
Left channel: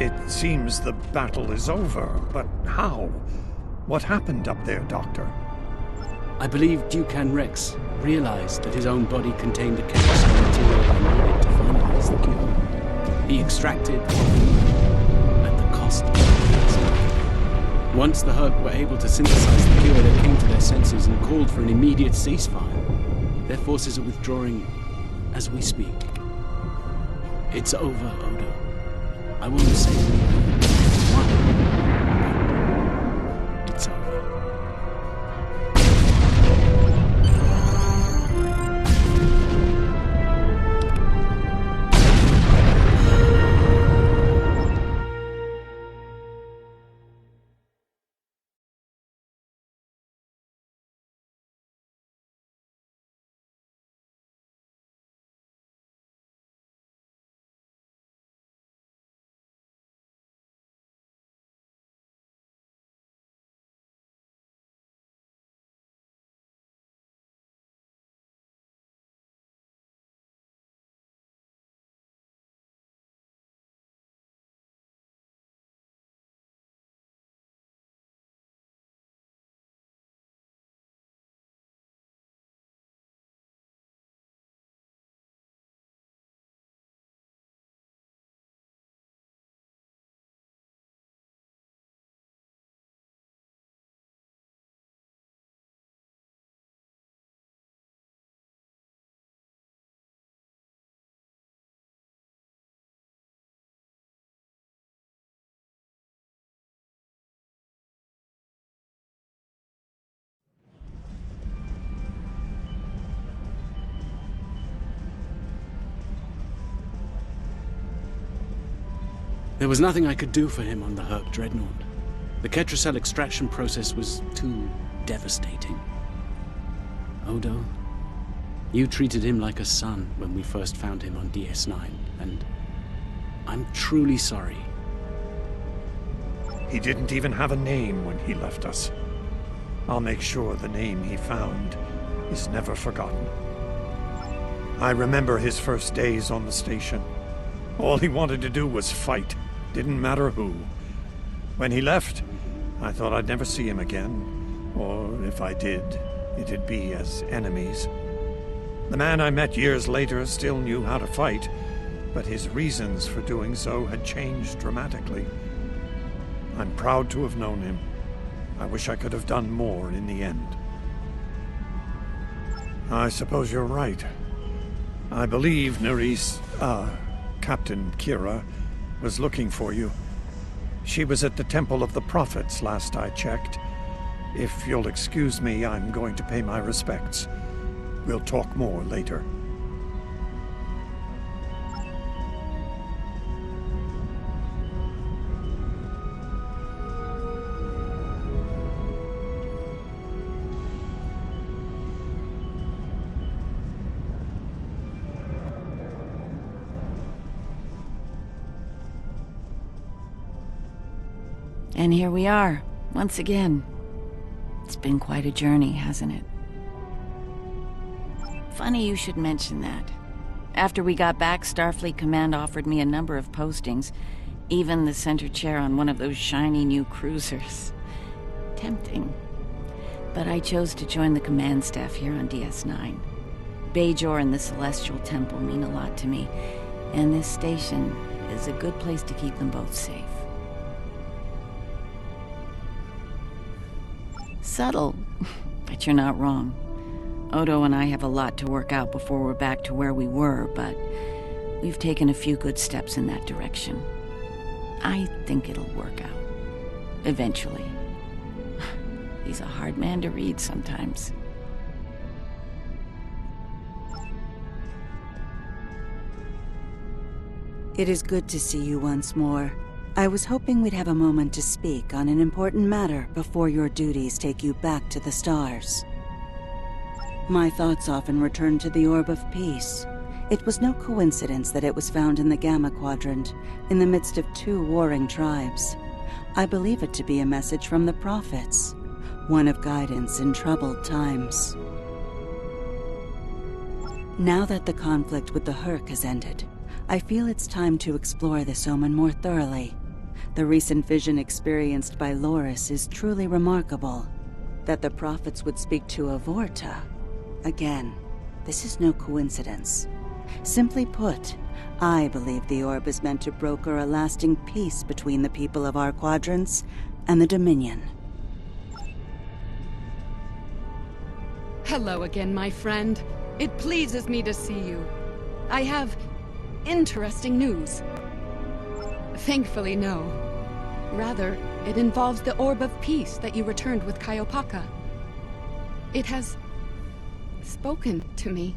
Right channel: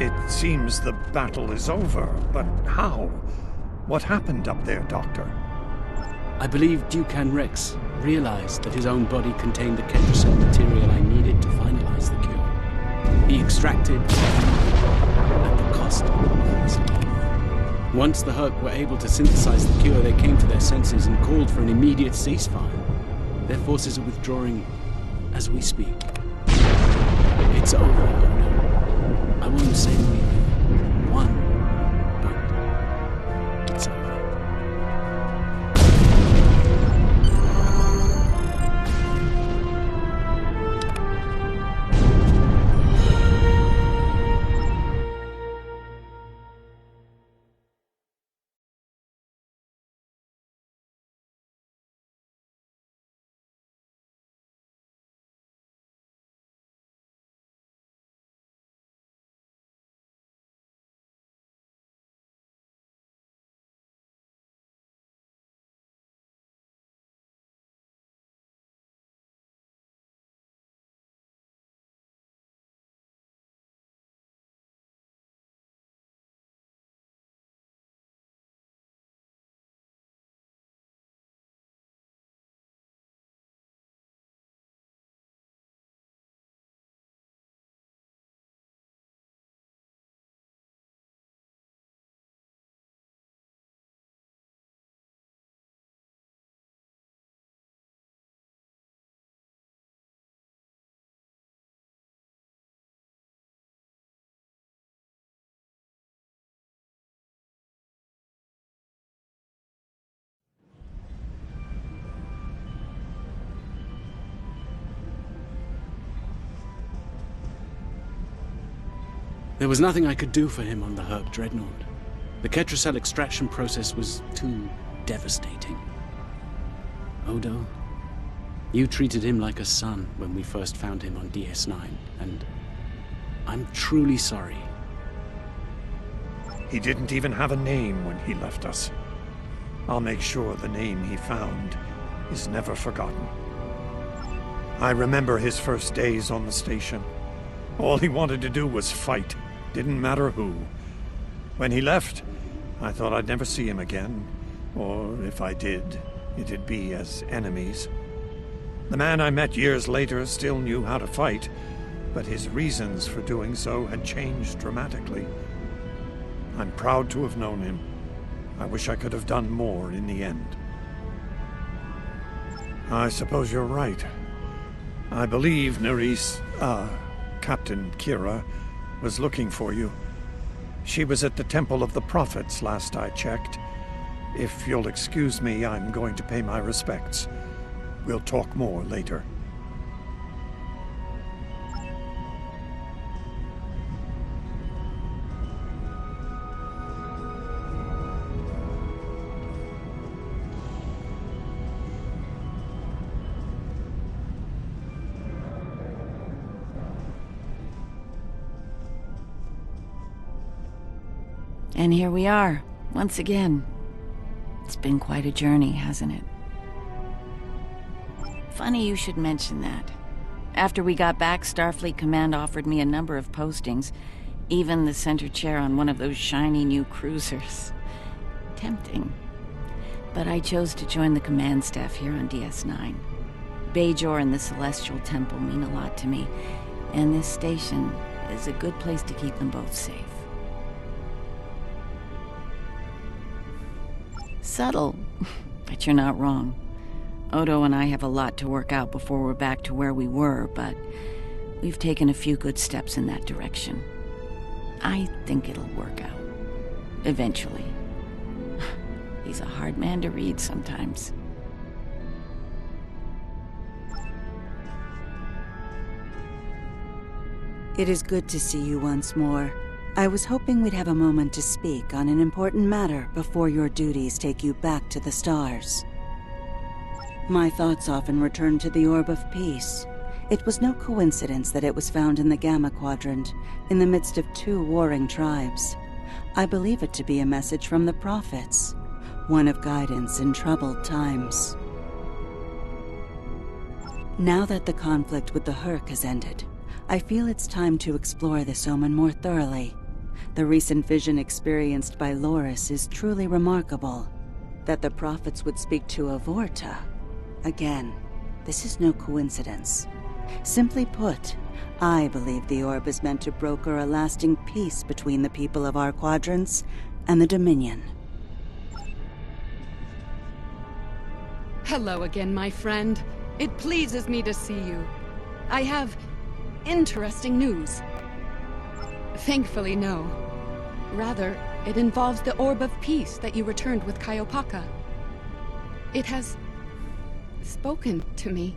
It seems the battle is over, but how? What happened up there, Doctor? I believe Dukan Rex realized that his own body contained the chemical material I needed to finalize the cure. He extracted at the cost of humanity. Once the Hur'q were able to synthesize the cure, they came to their senses and called for an immediate ceasefire. Their forces are withdrawing as we speak. It's over, Odo. I won't say we won, but it's over. There was nothing I could do for him on the Hur'q Dreadnought. The Ketracell extraction process was too devastating. Odo, you treated him like a son when we first found him on DS9, and I'm truly sorry. He didn't even have a name when he left us. I'll make sure the name he found is never forgotten. I remember his first days on the station. All he wanted to do was fight. Didn't matter who. When he left, I thought I'd never see him again. Or if I did, it'd be as enemies. The man I met years later still knew how to fight, but his reasons for doing so had changed dramatically. I'm proud to have known him. I wish I could have done more in the end. I suppose you're right. I believe Captain Kira was looking for you. She was at the Temple of the Prophets last I checked. If you'll excuse me, I'm going to pay my respects. We'll talk more later. And here we are, once again. It's been quite a journey, hasn't it? Funny you should mention that. After we got back, Starfleet Command offered me a number of postings, even the center chair on one of those shiny new cruisers. Tempting. But I chose to join the command staff here on DS9. Bajor and the Celestial Temple mean a lot to me, and this station is a good place to keep them both safe. Subtle, but you're not wrong. Odo and I have a lot to work out before we're back to where we were, but we've taken a few good steps in that direction. I think it'll work out. Eventually. He's a hard man to read sometimes. It is good to see you once more. I was hoping we'd have a moment to speak on an important matter before your duties take you back to the stars. My thoughts often return to the Orb of Peace. It was no coincidence that it was found in the Gamma Quadrant, in the midst of two warring tribes. I believe it to be a message from the prophets, one of guidance in troubled times. Now that the conflict with the Hur'q has ended, I feel it's time to explore this omen more thoroughly. The recent vision experienced by Loris is truly remarkable. That the prophets would speak to Avorta. Again, this is no coincidence. Simply put, I believe the orb is meant to broker a lasting peace between the people of our quadrants and the Dominion. Hello again, my friend. It pleases me to see you. I have interesting news. Thankfully, no. Rather, it involves the Orb of Peace that you returned with Kaiopaka. It has spoken to me.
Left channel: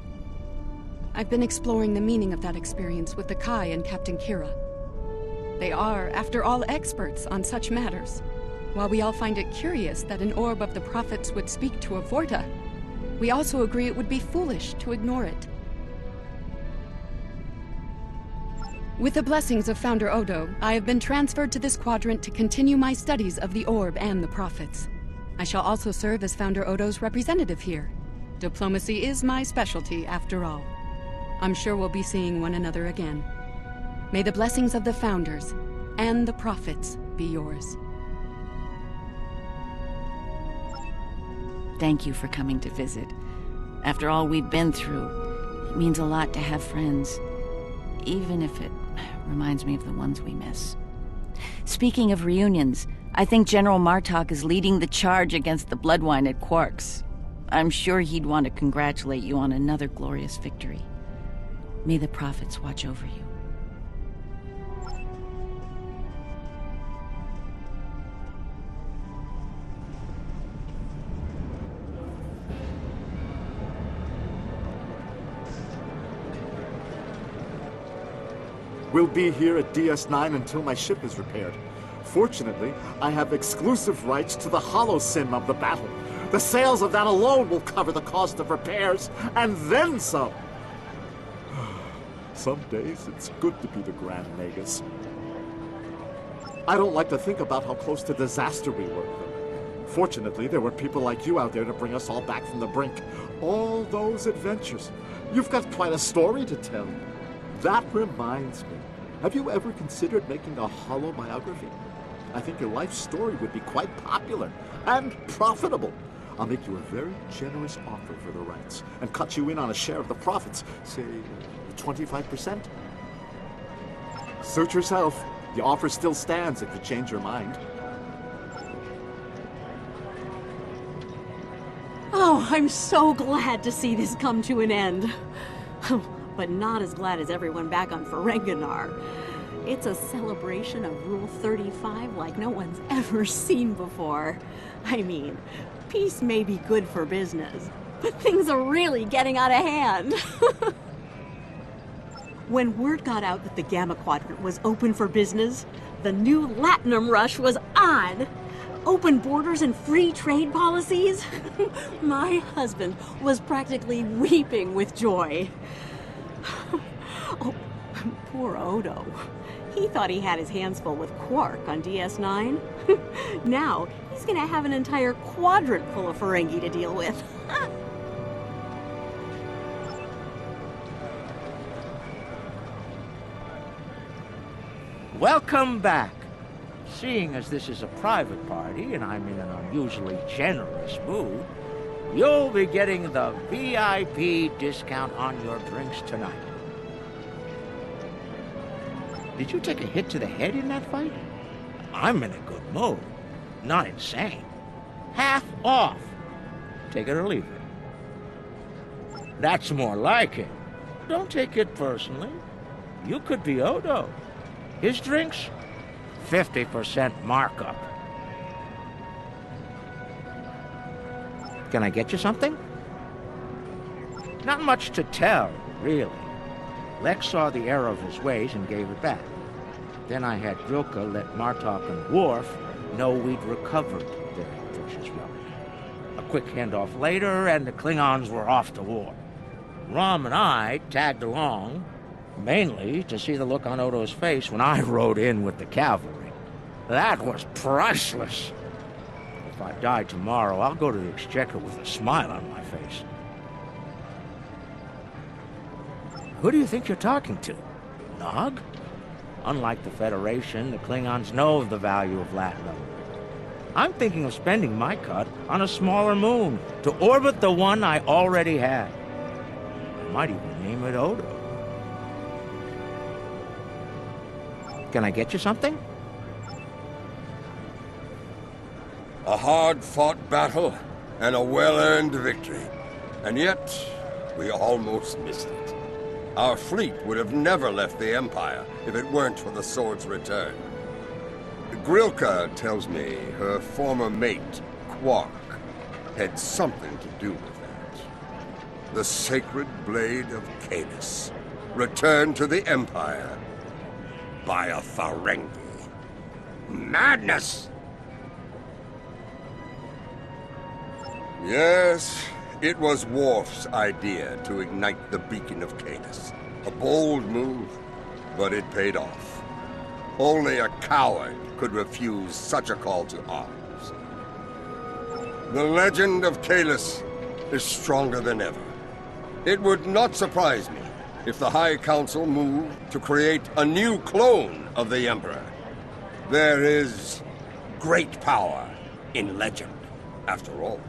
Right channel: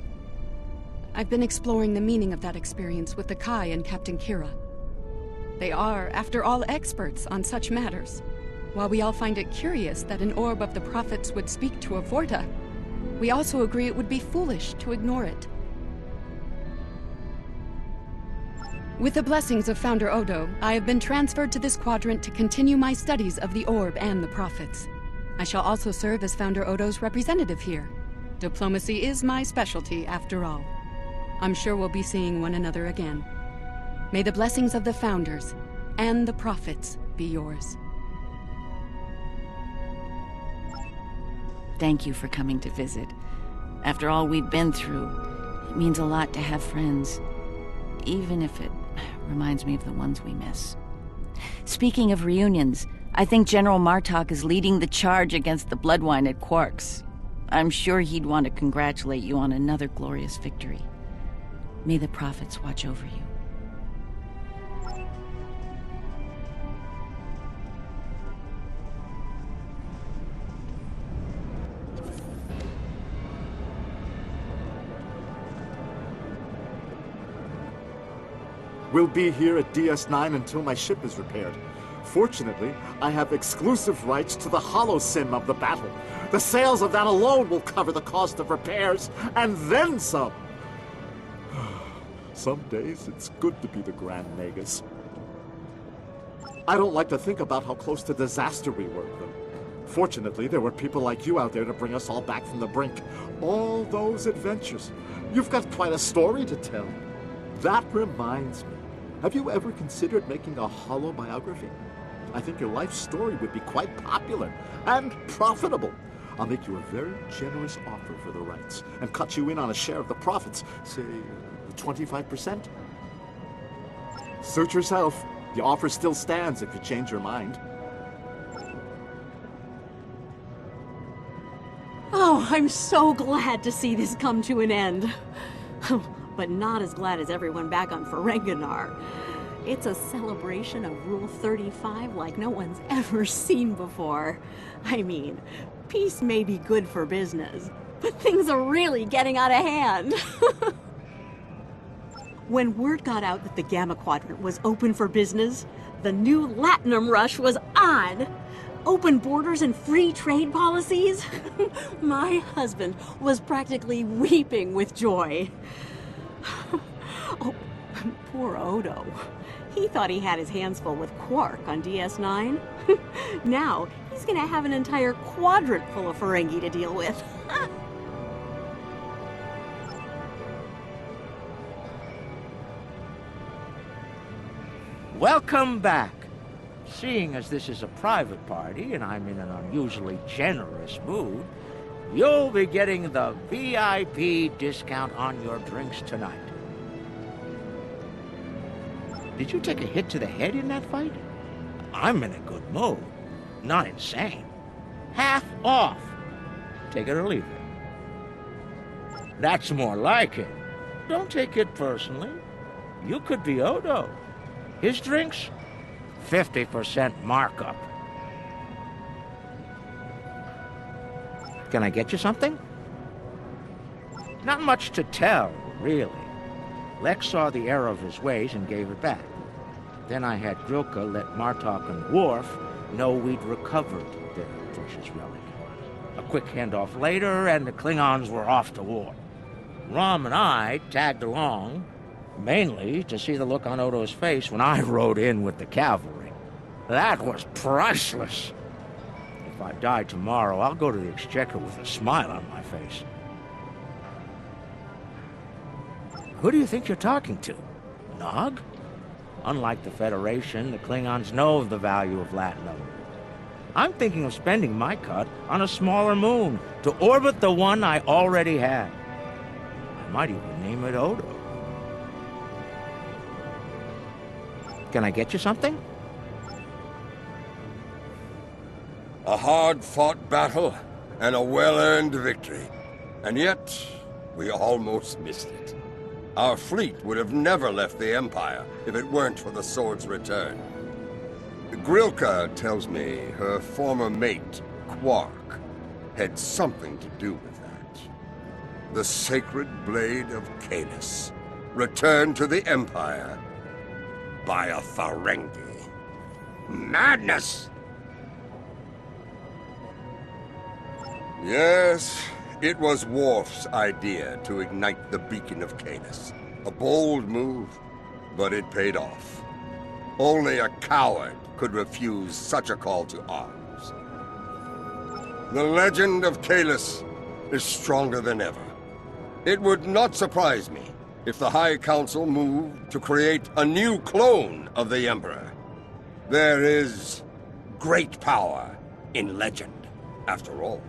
I've been exploring the meaning of that experience with the Kai and Captain Kira. They are, after all, experts on such matters. While we all find it curious that an Orb of the Prophets would speak to Avorta, we also agree it would be foolish to ignore it. With the blessings of Founder Odo, I have been transferred to this quadrant to continue my studies of the Orb and the Prophets. I shall also serve as Founder Odo's representative here. Diplomacy is my specialty, after all. I'm sure we'll be seeing one another again. May the blessings of the Founders and the Prophets be yours. Thank you for coming to visit. After all we've been through, it means a lot to have friends, even if it reminds me of the ones we miss. Speaking of reunions, I think General Martok is leading the charge against the Bloodwine at Hur'q. I'm sure he'd want to congratulate you on another glorious victory. May the Prophets watch over you. We'll be here at DS9 until my ship is repaired. Fortunately, I have exclusive rights to the holo-sim of the battle. The sales of that alone will cover the cost of repairs, and then some. Some days, it's good to be the Grand Nagus. I don't like to think about how close to disaster we were, though. Fortunately, there were people like you out there to bring us all back from the brink. All those adventures. You've got quite a story to tell. That reminds me. Have you ever considered making a holo-biography? I think your life story would be quite popular and profitable. I'll make you a very generous offer for the rights and cut you in on a share of the profits, say 25%. Suit yourself. The offer still stands if you change your mind. Oh, I'm so glad to see this come to an end. But not as glad as everyone back on Ferenginar. It's a celebration of Rule 35 like no one's ever seen before. I mean, peace may be good for business, but things are really getting out of hand. When word got out that the Gamma Quadrant was open for business, the new Latinum rush was on. Open borders and free trade policies. My husband was practically weeping with joy. Oh, poor Odo. He thought he had his hands full with Hur'q on DS9. Now, he's gonna have an entire quadrant full of Ferengi to deal with. Welcome back. Seeing as this is a private party and I'm in an unusually generous mood, you'll be getting the VIP discount on your drinks tonight. Did you take a hit to the head in that fight? I'm in a good mood. Not insane. Half off. Take it or leave it. That's more like it. Don't take it personally. You could be Odo. His drinks? 50% markup. Can I get you something? Not much to tell, really. Lex saw the error of his ways and gave it back. Then I had Hur'q let Martok and Worf know we'd recovered their precious relic. A quick handoff later, and the Klingons were off to war. Rom and I tagged along, mainly to see the look on Odo's face when I rode in with the cavalry. That was priceless. If I die tomorrow, I'll go to the Exchequer with a smile on my face. Who do you think you're talking to? Nog? Unlike the Federation, the Klingons know of the value of latinum. I'm thinking of spending my cut on a smaller moon to orbit the one I already had. I might even name it Odo. Can I get you something? A hard-fought battle and a well-earned victory. And yet, we almost missed it. Our fleet would have never left the Empire if it weren't for the sword's return. Grilka tells me her former mate, Quark, had something to do with that. The sacred blade of Kalis, returned to the Empire by a Ferengi. Madness! Yes, it was Worf's idea to ignite the beacon of Kalis. A bold move, but it paid off. Only a coward could refuse such a call to arms. The legend of Kalis is stronger than ever. It would not surprise me if the High Council moved to create a new clone of the Emperor. There is great power in legend, after all.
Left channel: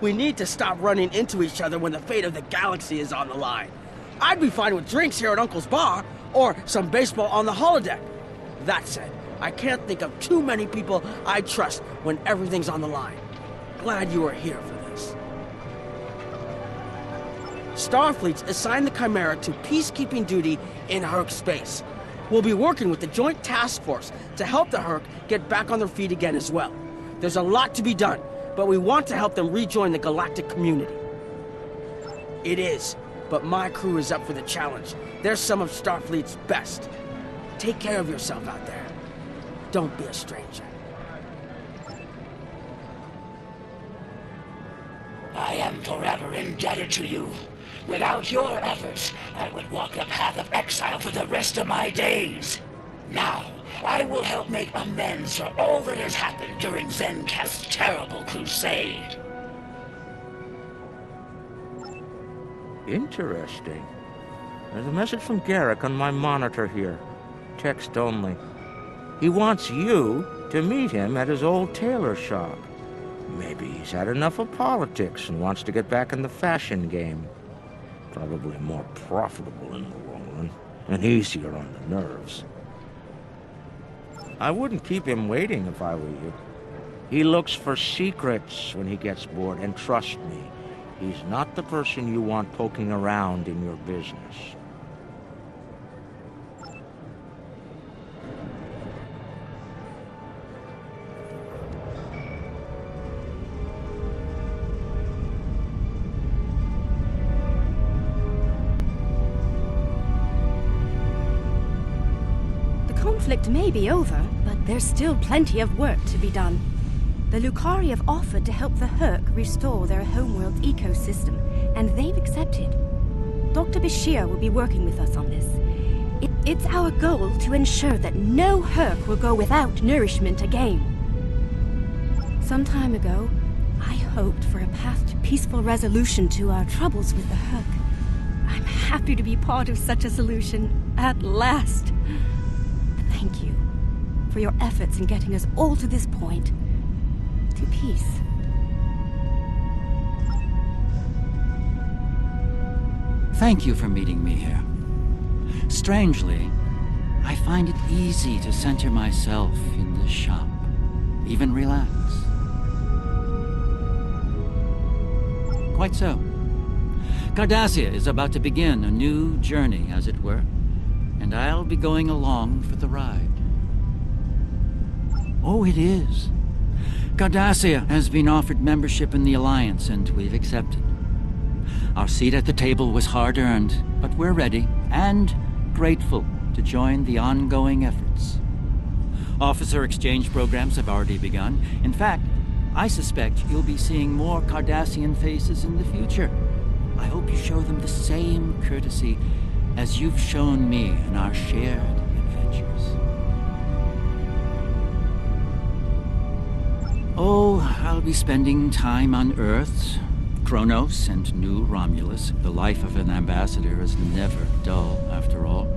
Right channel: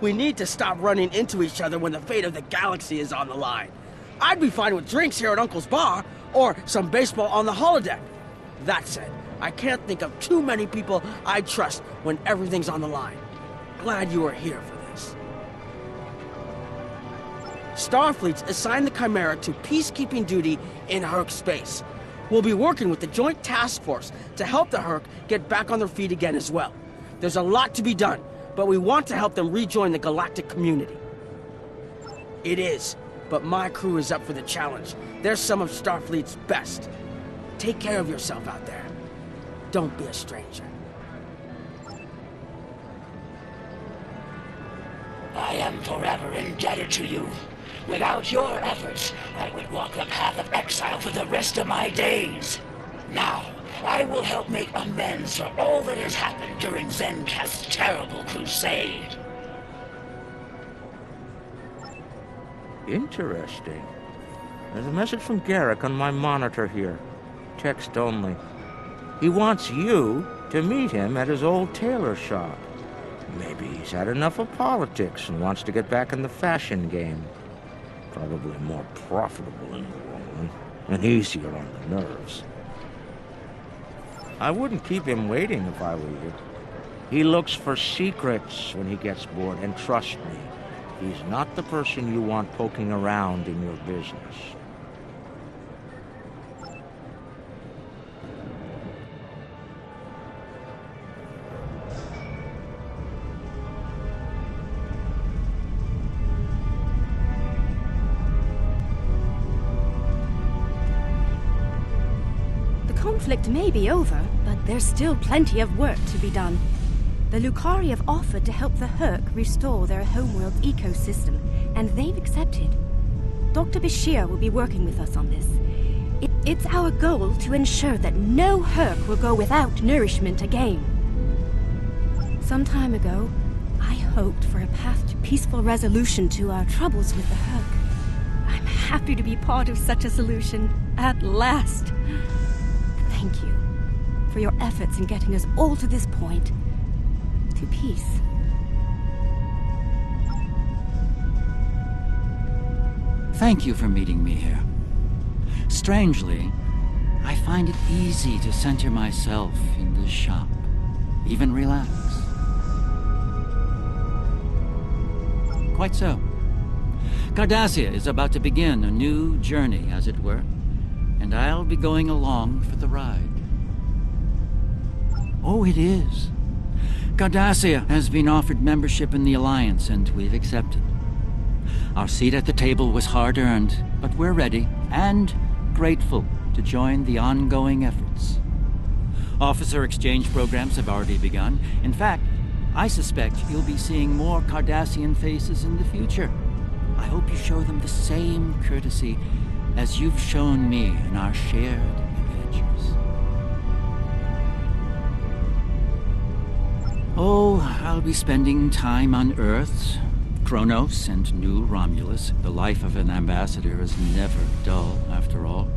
We need to stop running into each other when the fate of the galaxy is on the line. I'd be fine with drinks here at Uncle's bar, or some baseball on the holodeck. That said, I can't think of too many people I trust when everything's on the line. Glad you are here for this. Starfleet's assigned the Chimera to peacekeeping duty in Hur'q space. We'll be working with the Joint Task Force to help the Hur'q get back on their feet again as well. There's a lot to be done, but we want to help them rejoin the galactic community. It is, but my crew is up for the challenge. They're some of Starfleet's best. Take care of yourself out there. Don't be a stranger. I am forever indebted to you. Without your efforts, I would walk the path of exile for the rest of my days. Now, I will help make amends for all that has happened during Zencast's terrible crusade. Interesting. There's a message from Garrick on my monitor here. Text only. He wants you to meet him at his old tailor shop. Maybe he's had enough of politics and wants to get back in the fashion game. Probably more profitable in the long run, and easier on the nerves. I wouldn't keep him waiting if I were you. He looks for secrets when he gets bored, and trust me, he's not the person you want poking around in your business. The conflict may be over, but there's still plenty of work to be done. The Lucari have offered to help the Hur'q restore their homeworld ecosystem, and they've accepted. Dr. Bashir will be working with us on this. It's our goal to ensure that no Hur'q will go without nourishment again. Some time ago, I hoped for a path to peaceful resolution to our troubles with the Hur'q. I'm happy to be part of such a solution, at last. Thank you for your efforts in getting us all to this point, to peace. Thank you for meeting me here. Strangely, I find it easy to center myself in this shop, even relax. Quite so. Cardassia is about to begin a new journey, as it were, and I'll be going along for the ride. Oh, it is. Cardassia has been offered membership in the Alliance, and we've accepted. Our seat at the table was hard-earned, but we're ready and grateful to join the ongoing efforts. Officer exchange programs have already begun. In fact, I suspect you'll be seeing more Cardassian faces in the future. I hope you show them the same courtesy as you've shown me in our shared adventures. Oh, I'll be spending time on Earth, Kronos and New Romulus. The life of an ambassador is never dull, after all.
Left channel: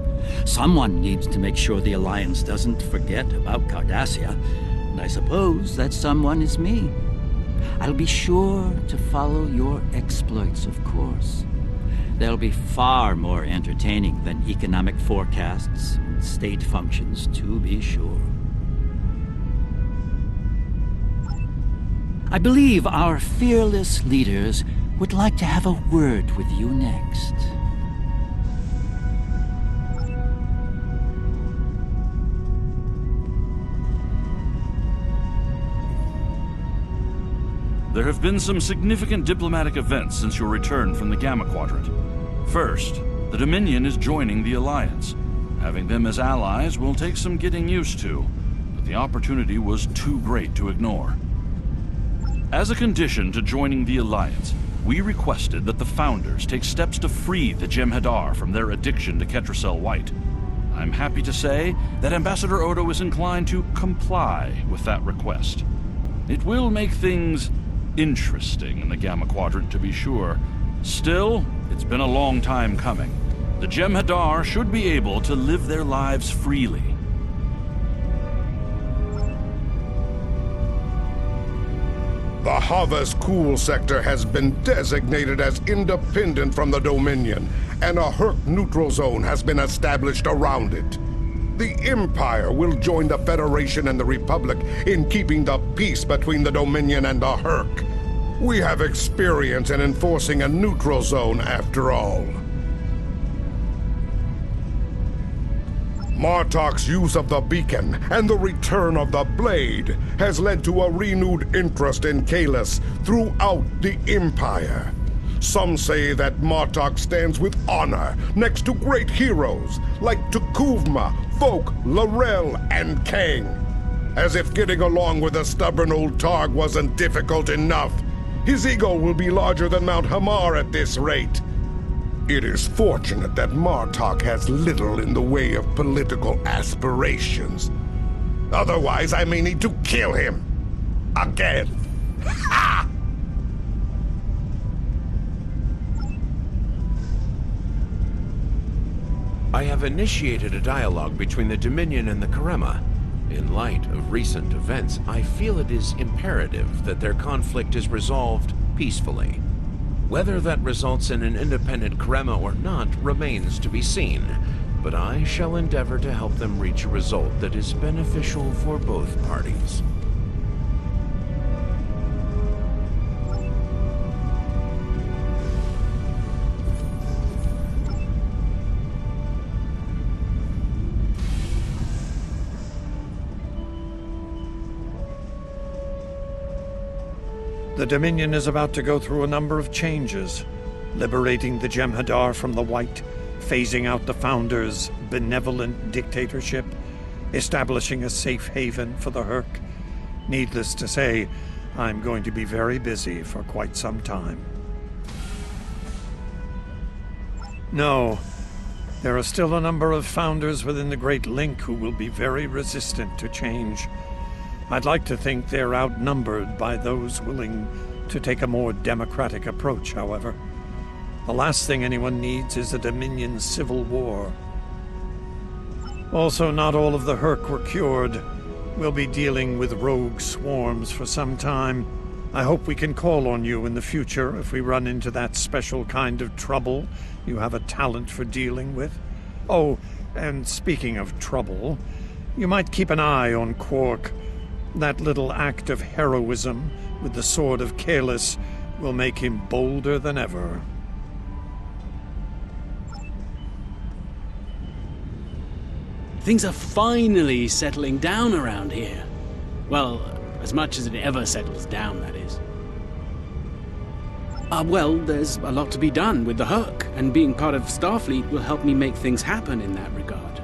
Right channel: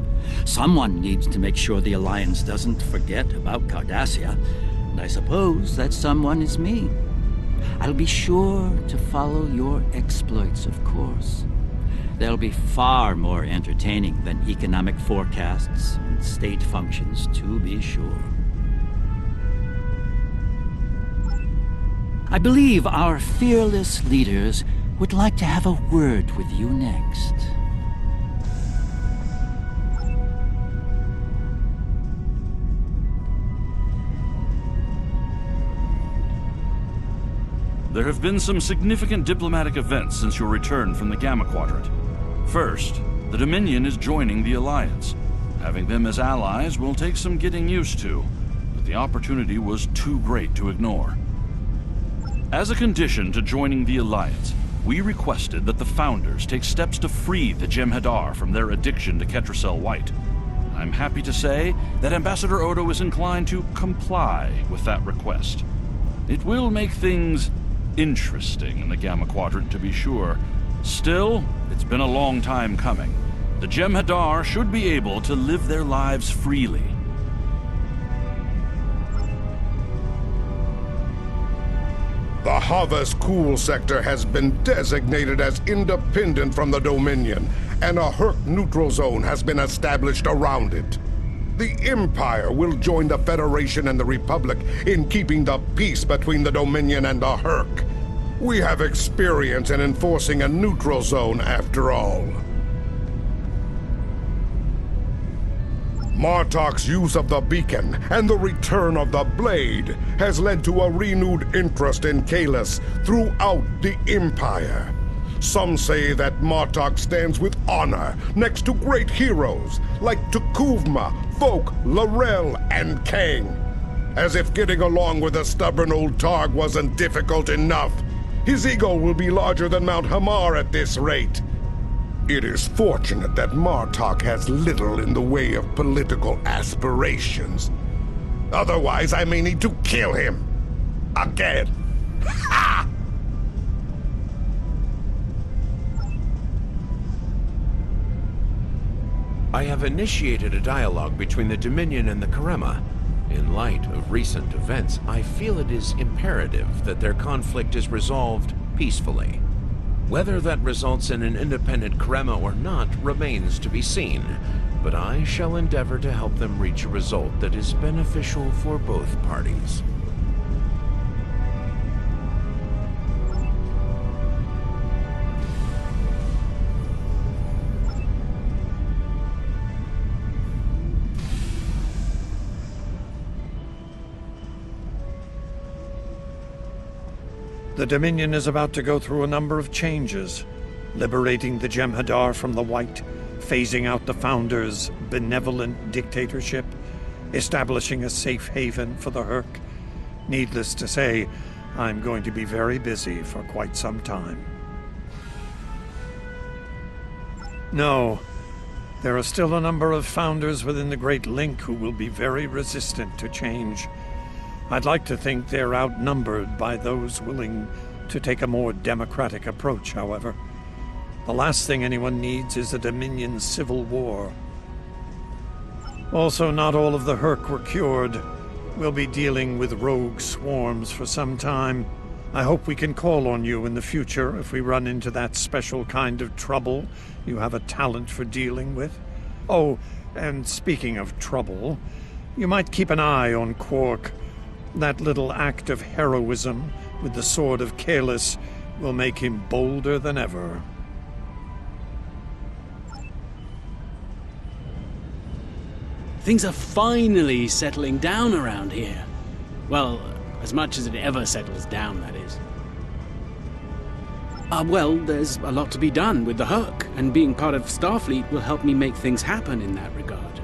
Someone needs to make sure the Alliance doesn't forget about Cardassia, and I suppose that someone is me. I'll be sure to follow your exploits, of course. They'll be far more entertaining than economic forecasts and state functions, to be sure. I believe our fearless leaders would like to have a word with you next. There have been some significant diplomatic events since your return from the Gamma Quadrant. First, the Dominion is joining the Alliance. Having them as allies will take some getting used to, but the opportunity was too great to ignore. As a condition to joining the Alliance, we requested that the Founders take steps to free the Jem'Hadar from their addiction to Ketracel White. I'm happy to say that Ambassador Odo is inclined to comply with that request. It will make things interesting in the Gamma Quadrant, to be sure. Still, it's been a long time coming. The Jem'Hadar should be able to live their lives freely. The Hava's Cool sector has been designated as independent from the Dominion, and a Hur'q neutral zone has been established around it. The Empire will join the Federation and the Republic in keeping the peace between the Dominion and the Hur'q. We have experience in enforcing a neutral zone, after all. Martok's use of the beacon and the return of the blade has led to a renewed interest in Kahless throughout the Empire. Some say that Martok stands with honor next to great heroes like T'Kuvma, Folk, L'Rell, and Kang. As if getting along with the stubborn old Targ wasn't difficult enough, his ego will be larger than Mount Hamar at this rate. It is fortunate that Martok has little in the way of political aspirations. Otherwise, I may need to kill him. Again. Ha! I have initiated a dialogue between the Dominion and the Karema. In light of recent events, I feel it is imperative that their conflict is resolved peacefully. Whether that results in an independent Karema or not remains to be seen, but I shall endeavor to help them reach a result that is beneficial for both parties. The Dominion is about to go through a number of changes, liberating the Jem'Hadar from the White, phasing out the Founders' benevolent dictatorship, establishing a safe haven for the Hur'q. Needless to say, I'm going to be very busy for quite some time. No, there are still a number of Founders within the Great Link who will be very resistant to change. I'd like to think they're outnumbered by those willing to take a more democratic approach, however. The last thing anyone needs is a Dominion civil war. Also, not all of the Hur'q were cured. We'll be dealing with rogue swarms for some time. I hope we can call on you in the future if we run into that special kind of trouble you have a talent for dealing with. Oh, and speaking of trouble, you might keep an eye on Quark. That little act of heroism with the sword of Kahless will make him bolder than ever. Things are finally settling down around here. Well, as much as it ever settles down, that is. Well, there's a lot to be done with the Hur'q, and being part of Starfleet will help me make things happen in that regard.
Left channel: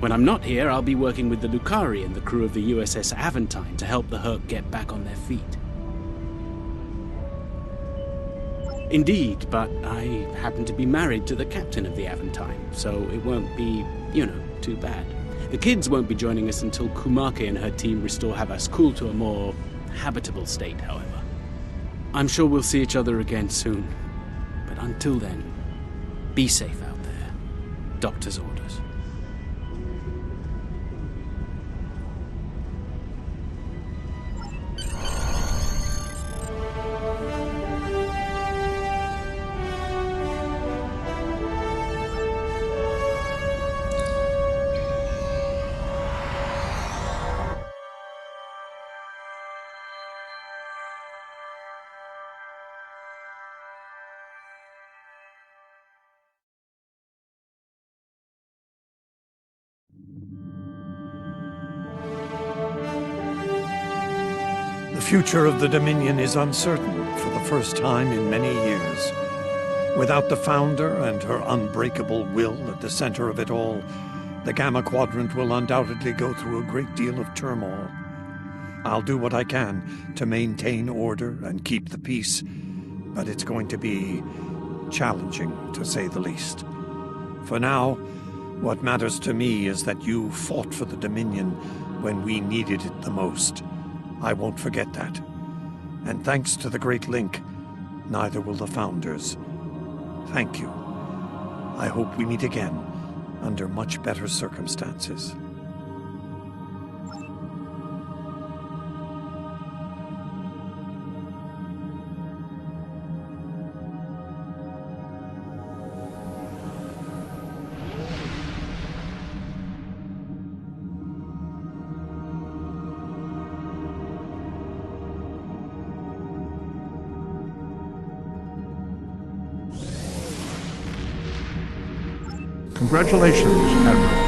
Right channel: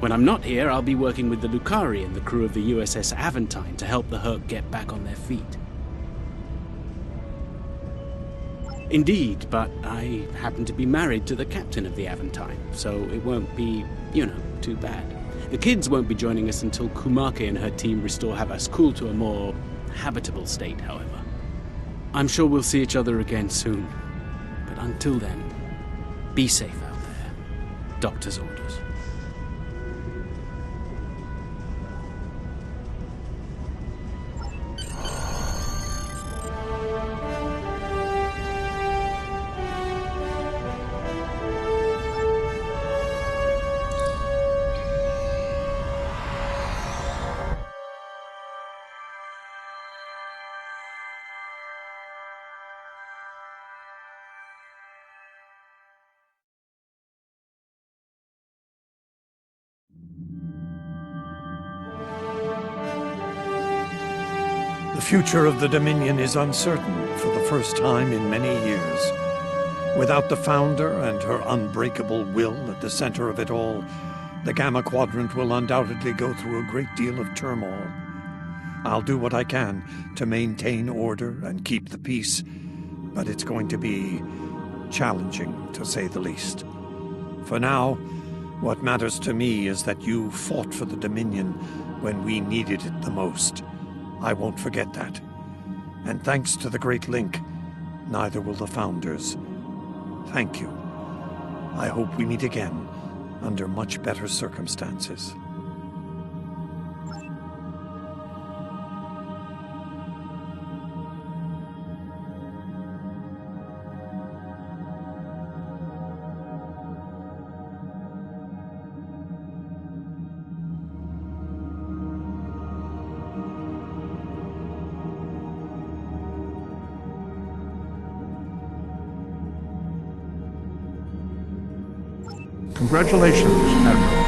When I'm not here, I'll be working with the Lucari and the crew of the USS Aventine to help the Hur'q get back on their feet. Indeed, but I happen to be married to the captain of the Aventine, so it won't be, too bad. The kids won't be joining us until Kumake and her team restore Havas Kul to a more habitable state, however. I'm sure we'll see each other again soon. But until then, be safe out there. Doctor's orders. The future of the Dominion is uncertain for the first time in many years. Without the Founder and her unbreakable will at the center of it all, the Gamma Quadrant will undoubtedly go through a great deal of turmoil. I'll do what I can to maintain order and keep the peace, but it's going to be challenging, to say the least. For now, what matters to me is that you fought for the Dominion when we needed it the most. I won't forget that. And thanks to the Great Link, neither will the Founders. Thank you. I hope we meet again under much better circumstances. Congratulations, Admiral.